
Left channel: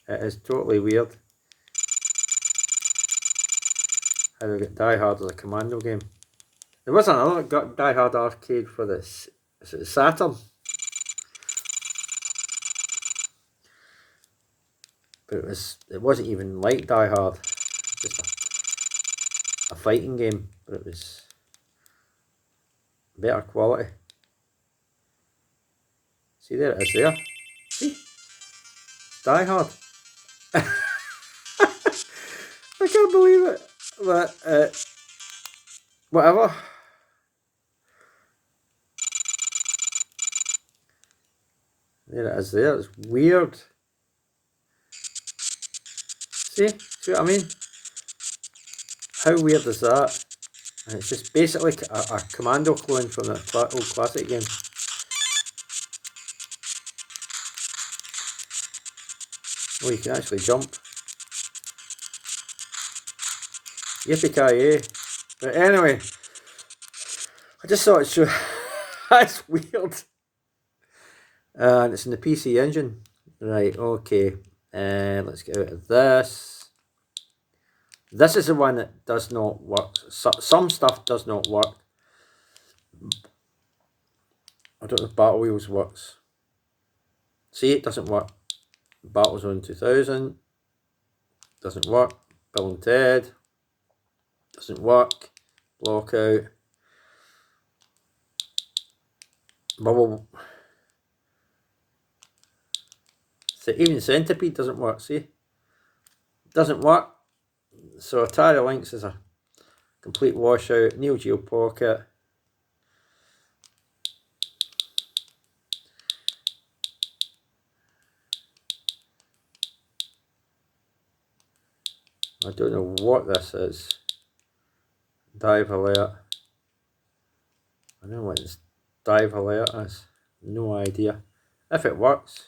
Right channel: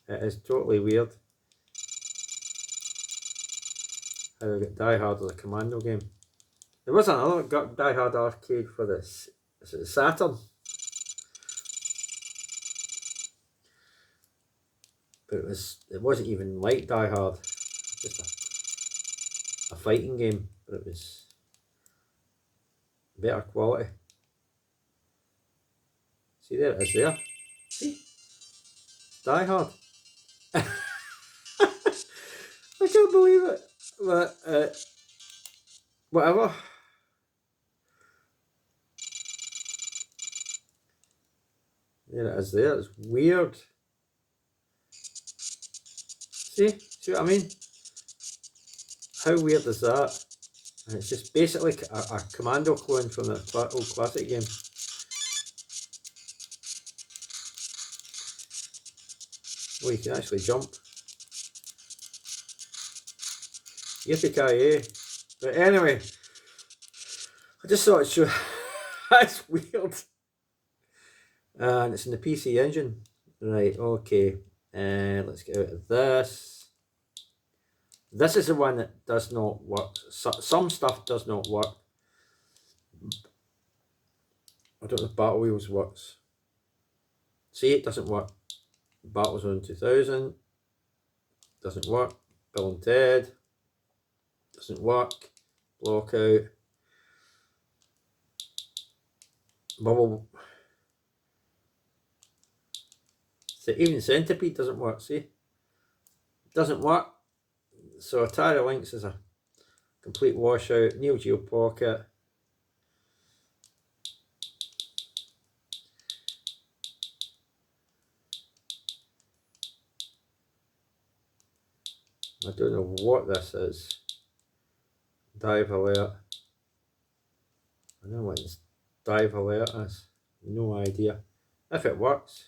It is totally weird. How we get Die Hard as a Commando game. There was another Die Hard arcade for this Saturn. But it wasn't even like Die Hard. Just a fighting game, but it was better quality. See, there it is there. See? Die Hard. I can't believe it. But whatever. There it is there. It's weird. See what I mean? How weird is that? And it's just basically a Commando clone from that old classic game. Oh, you can actually jump. Yippee-ki-yay. But anyway, I just thought I'd show. That's weird. And it's in the PC Engine. Right, okay. Let's get out of this. This is the one that does not work. Some stuff does not work. I don't know if Battle Wheels works. See, it doesn't work. Battlezone 2000 doesn't work. Bill and Ted doesn't work. Blockout. Bubble. So even Centipede doesn't work. See, doesn't work. So Atari Lynx is a complete washout. Neo Geo Pocket. I don't know what this is. Dive Alert. I don't know what this Dive Alert is. No idea. If it works.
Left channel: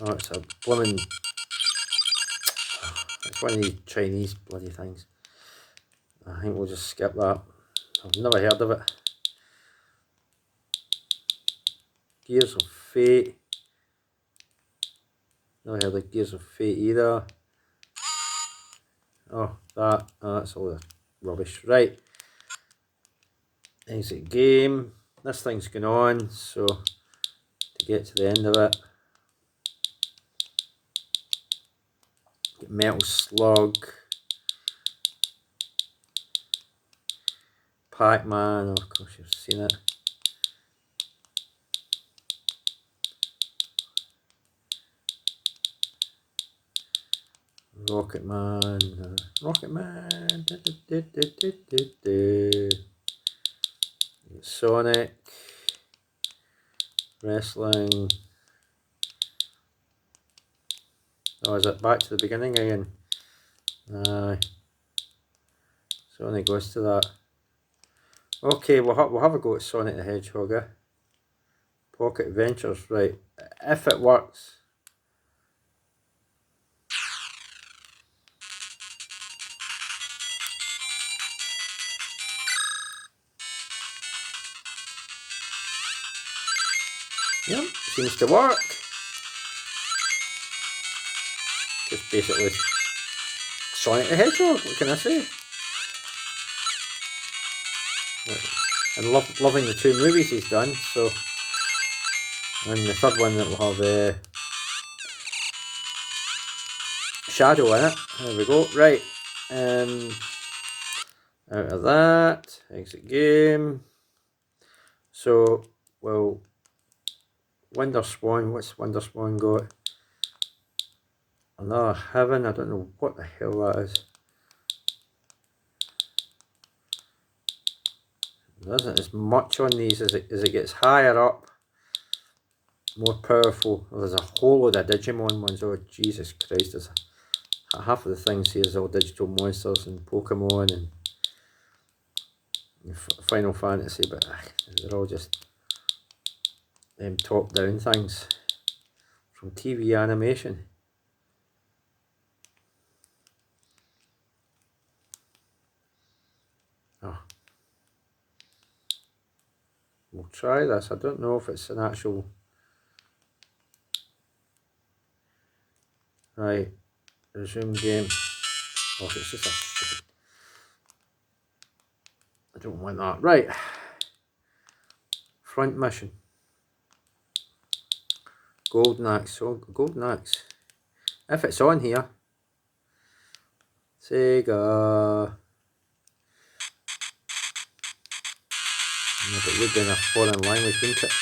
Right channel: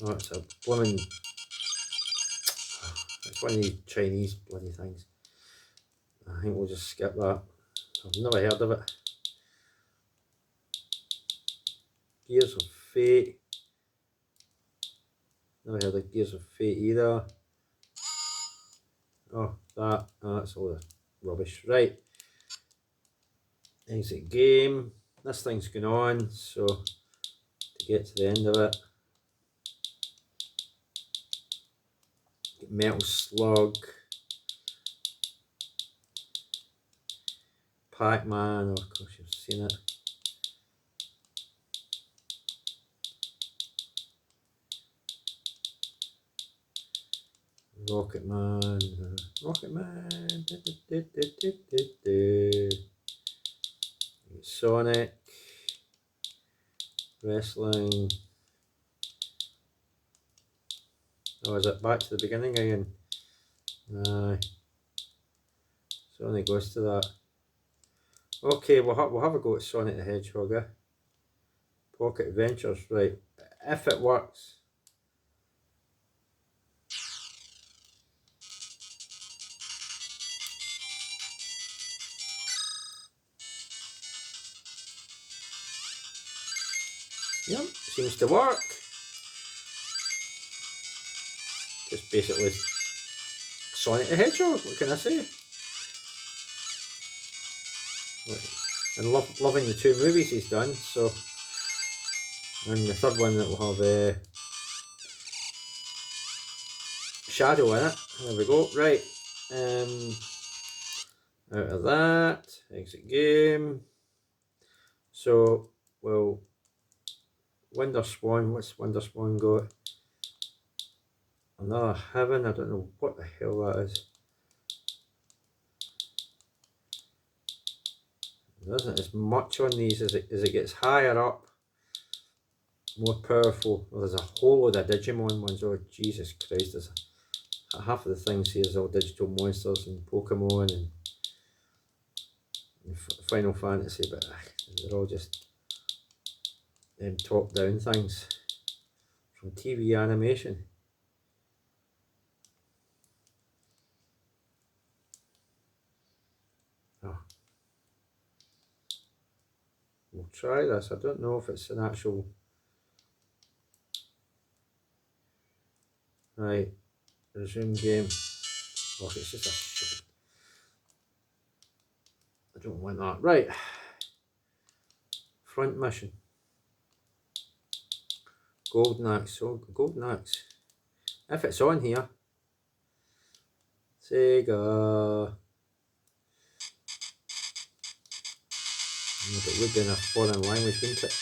Oh, it's a blooming. It's one of these Chinese bloody things. I think we'll just skip that. I've never heard of it. Gears of Fate. Never heard of Gears of Fate either. Oh, that's all the rubbish. Right. Exit game. This thing's going on, so to get to the end of it. Get Metal Slug. Pac-Man, of course you've seen it. Rocket Man. Sonic. Wrestling. Oh, is it back to the beginning again? Aye. Sonic goes to that. Okay, we'll have a go at Sonic the Hedgehog. Pocket Adventures, right. If it works. Yep, seems to work. Just basically Sonic the Hedgehog, what can I say? And loving the two movies he's done, so. And the third one that will have Shadow in it. There we go. Right. Out of that. Exit game. So, well, Wonder Swan. What's Wonder Swan got? Another heaven, I don't know what the hell that is. There isn't as much on these as it gets higher up. More powerful. Well, there's a whole load of Digimon ones. Oh Jesus Christ, there's half of the things here is all digital monsters and Pokemon and Final Fantasy, but they're all just top down things from TV animation. Oh. We'll try this. I don't know if it's an actual... Right, resume game. Oh, if it's just a stupid... I don't want that. Right. Front mission. Golden Axe. So, Golden Axe. If it's on here. Sega. Yeah, but you're doing a foreign language, isn't it?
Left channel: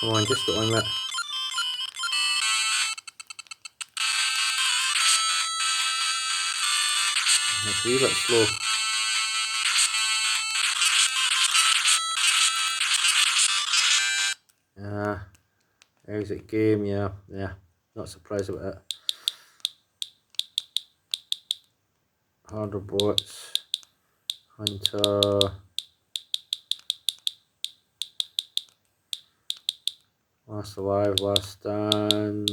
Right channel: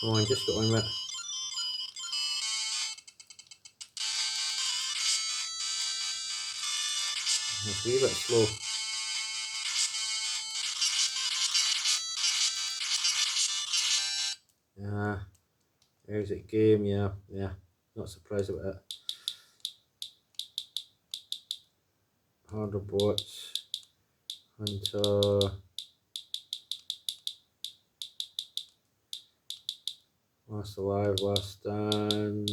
Come on, just get on with it. It's a wee bit slow. Exit game, yeah, not surprised about that. Harder bots, Hunter, Last Alive, Last Stand,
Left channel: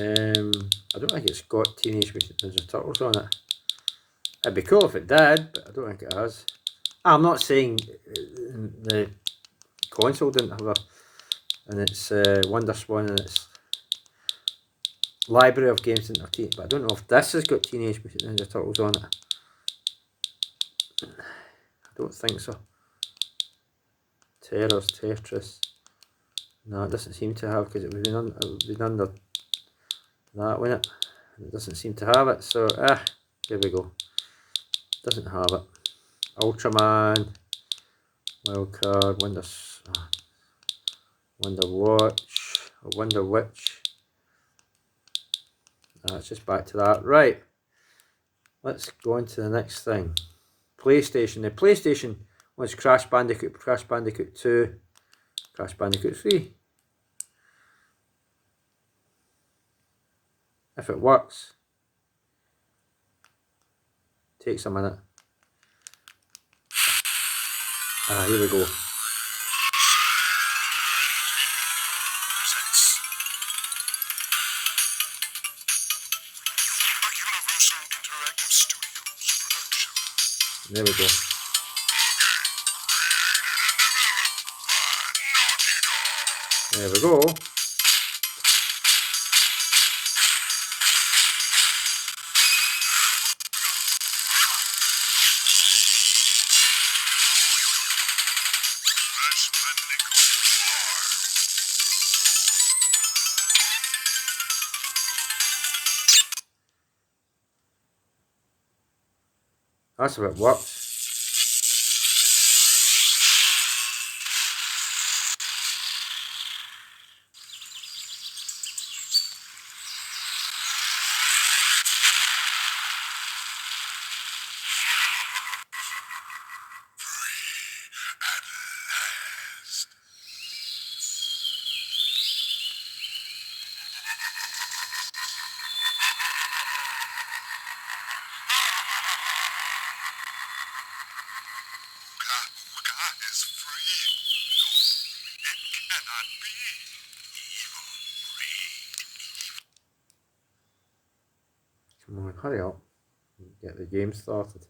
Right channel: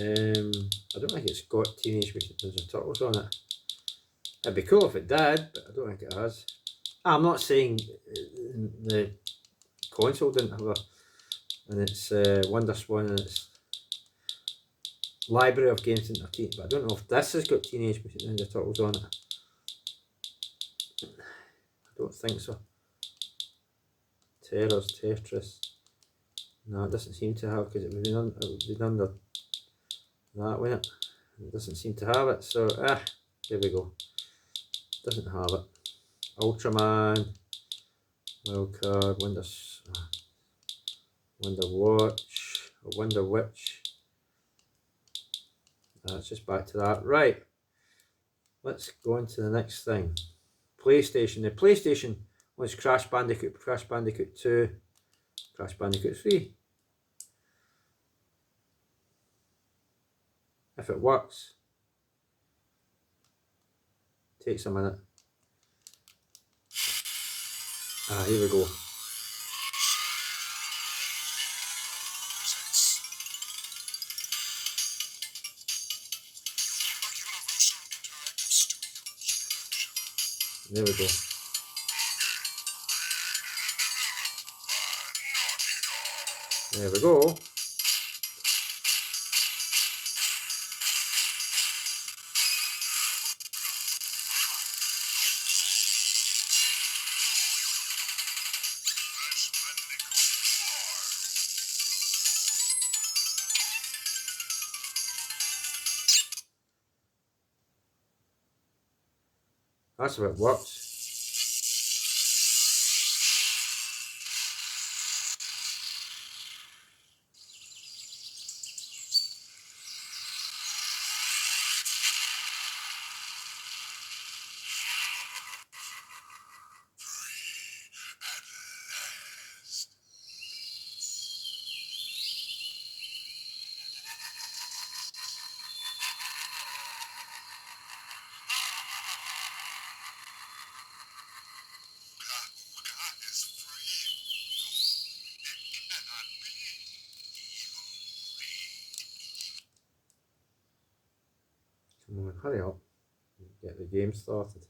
I don't think it's got Teenage Mutant Ninja Turtles on it. It'd be cool if it did, but I don't think it has. I'm not saying the console didn't have a, and it's WonderSwan and it's library of games didn't have Teenage, but I don't know if this has got Teenage Mutant Ninja Turtles on it. I don't think so. Tetris. No, it doesn't seem to have, because it would have been under that, wouldn't it? It doesn't seem to have it, so there we go. Doesn't have it. Ultraman, Wildcard, Wonder Watch, or Wonder Witch. It's just back to that. Right. Let's go on to the next thing. PlayStation. The PlayStation was Crash Bandicoot, Crash Bandicoot 2, Crash Bandicoot 3. If it works, takes a minute. Here we go. There we go. There we go. That's how it works. Come on, hurry up. Get the game started.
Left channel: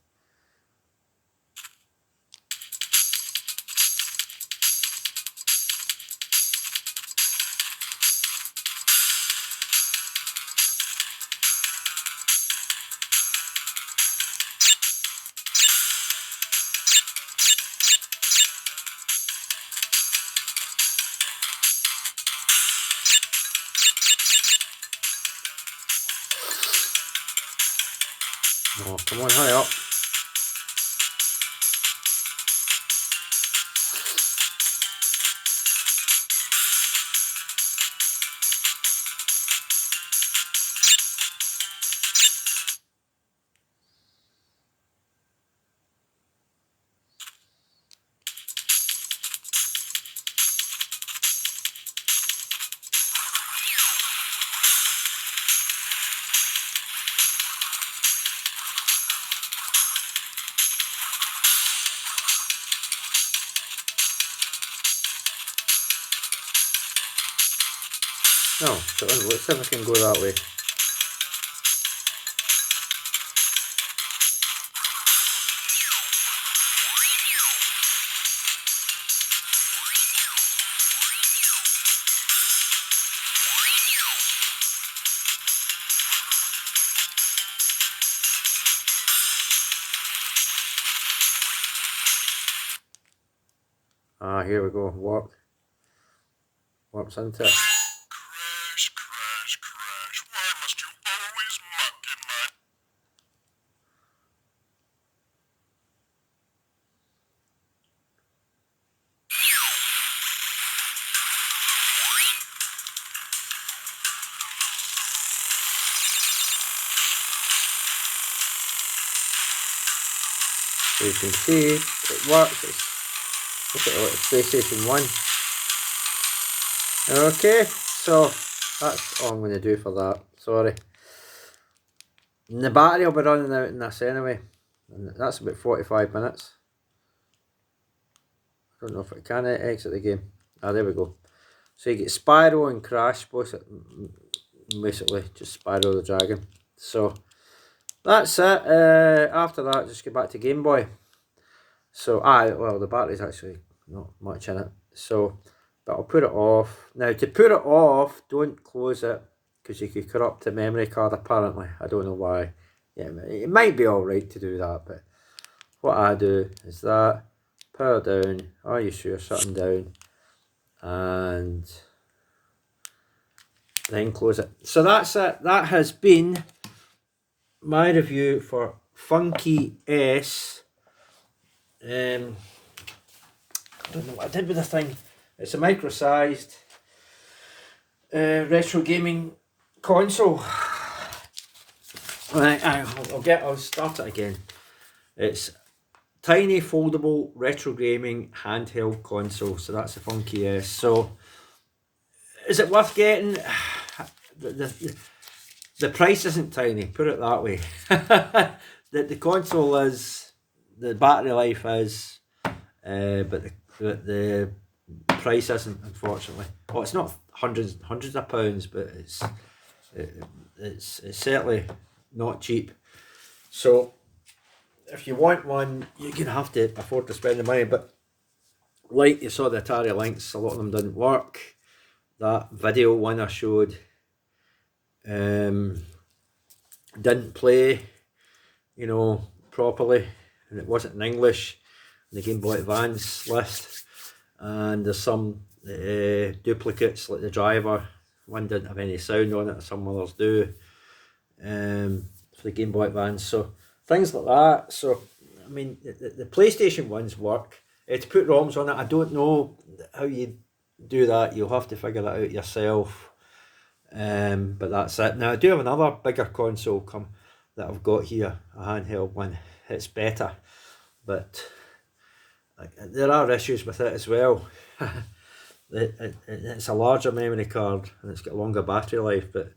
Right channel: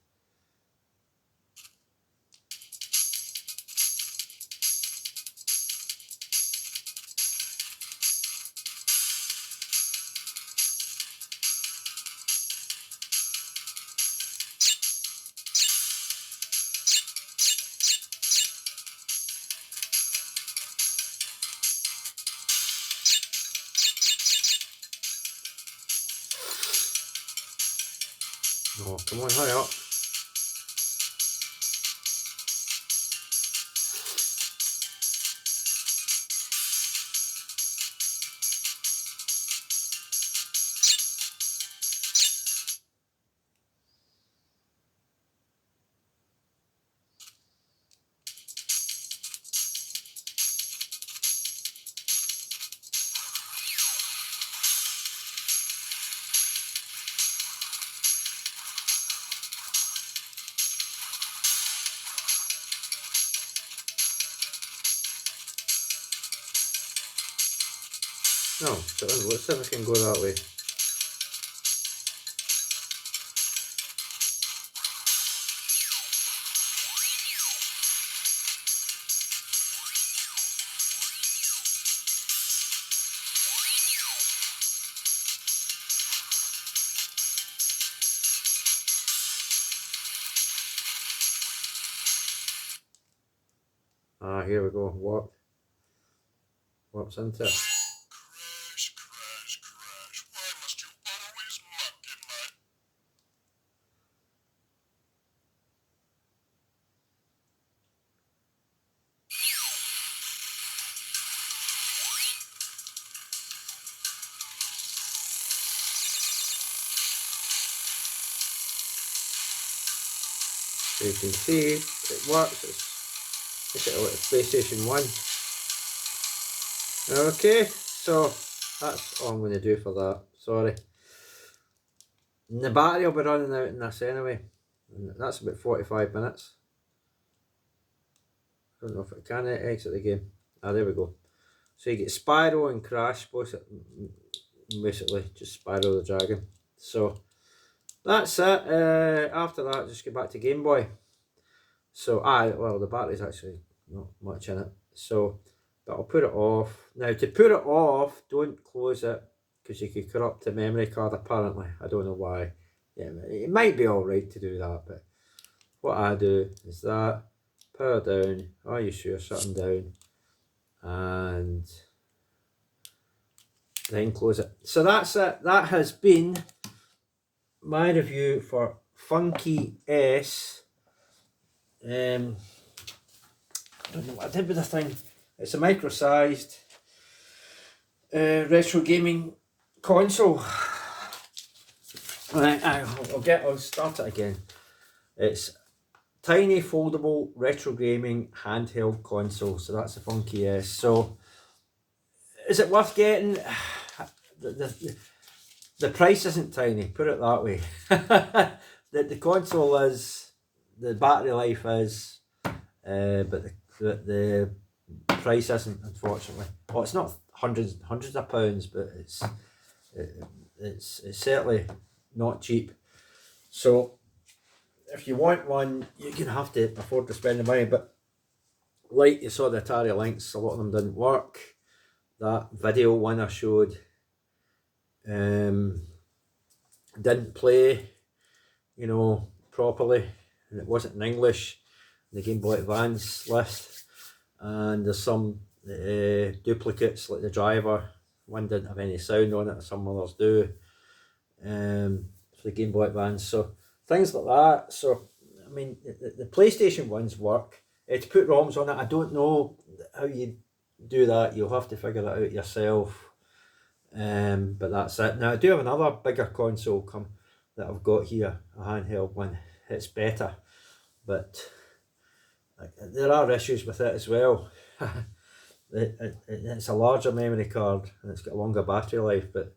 Oh, come on, hurry up. No, so let's see if I can go that way. Ah, here we go. Warps into it. Crash, crash, crash. Why must you always muck in my... So you can see it works. Look at it, PlayStation 1. Okay, so that's all I'm going to do for that. Sorry. And the battery will be running out in this anyway. And that's about 45 minutes. I don't know if I can exit the game. Ah, there we go. So you get Spyro and Crash, basically just Spyro the Dragon. So that's it. After that, just get back to Game Boy. So, well, the battery's actually not much in it. So, but I'll put it off. Now, to put it off, don't close it, because you could corrupt the memory card, apparently. I don't know why. Yeah, it might be alright to do that, but what I do is that, power down, are you sure, shutting down, and then close it. So that's it. That has been my review for Funkey S. I don't know what I did with this thing. It's a micro-sized retro gaming console. Right, I'll start it again. It's tiny foldable retro gaming handheld console. So that's a Funkey S. So is it worth getting? The price isn't tiny, put it that way. the console is, the battery life is, but the price isn't, unfortunately. Well, it's not hundreds of pounds, but it's certainly not cheap. So if you want one, you're gonna have to afford to spend the money. But like you saw the Atari Lynx, a lot of them didn't work. That video one I showed didn't play, properly, and it wasn't in English in the Game Boy Advance list. And there's some duplicates, like the driver one didn't have any sound on it, some others do, for the Game Boy Advance. So things like that. So I mean, the PlayStation ones work. To put ROMs on it, I don't know how you do that. You'll have to figure that out yourself. But that's it. Now I do have another bigger console that I've got here, a handheld one. It's better, but there are issues with it as well. It's a larger memory card and it's got a longer battery life, but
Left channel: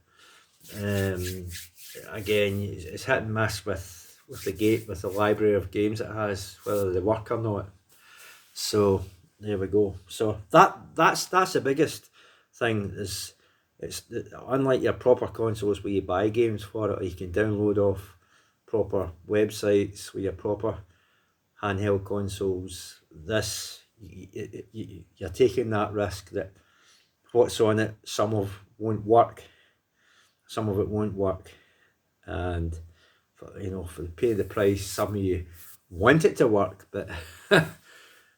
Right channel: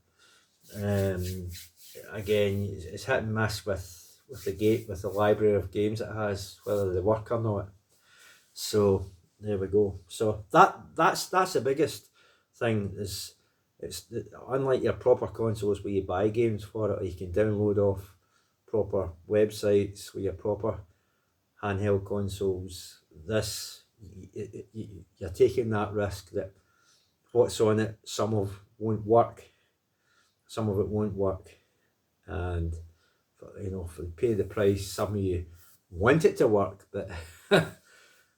again, it's hit and miss with the library of games it has, whether they work or not. So there we go. So that's the biggest thing. Is it's unlike your proper consoles where you buy games for it, or you can download off proper websites with your proper handheld consoles. This, you're taking that risk that what's on it, some of won't work, some of it won't work, and for the pay the price, some of you want it to work, but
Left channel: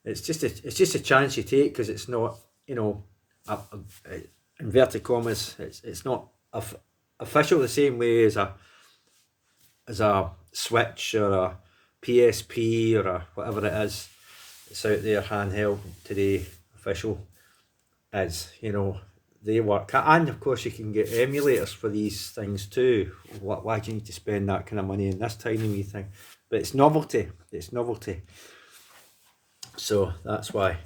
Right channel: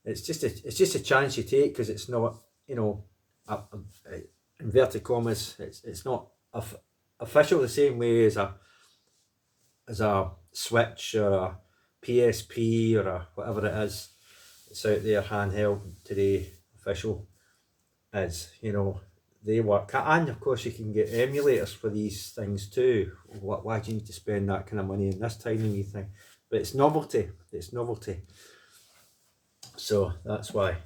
it's just a chance you take, because it's not, inverted commas, it's not official the same way as a Switch or a PSP or whatever it is. It's out there handheld today, official is, they work. And of course you can get emulators for these things too. Why do you need to spend that kind of money on this tiny wee thing? But it's novelty. So that's why.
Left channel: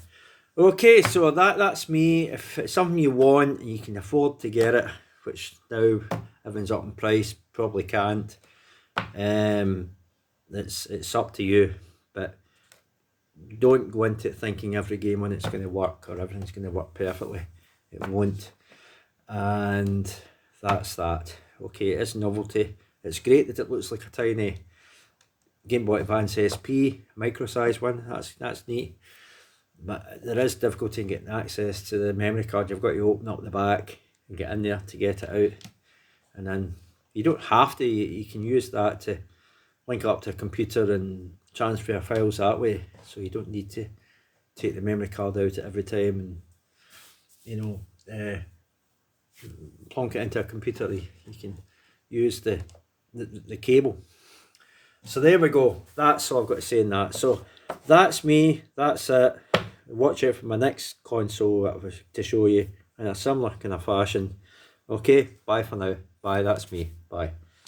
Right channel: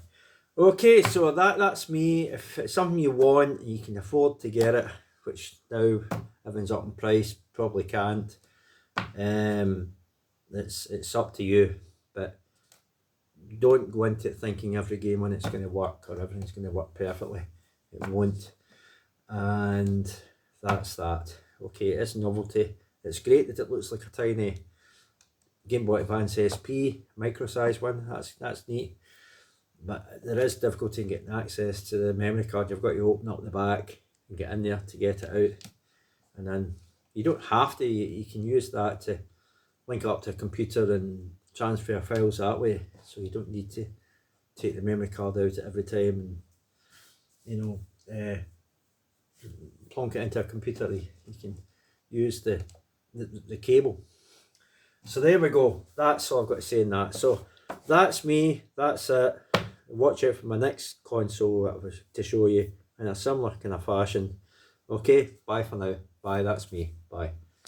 Okay, so that's me. If it's something you want and you can afford to get it, which now everything's up in price, probably can't. It's up to you, but don't go into it thinking every game on it's going to work or everything's going to work perfectly. It won't. and that's that. Okay, it is novelty. It's great that it looks like a tiny Game Boy Advance SP, micro size one. That's neat. But there is difficulty in getting access to the memory card. You've got to open up the back and get in there to get it out. And then you don't have to, you can use that to link up to a computer and transfer files that way. So you don't need to take the memory card out at every time and, plonk it into a computer. You can use the cable. So there we go. That's all I've got to say in that. So that's me. That's it. Watch out for my next console to show you in a similar kind of fashion. Okay, bye for now. Bye, that's me. Bye.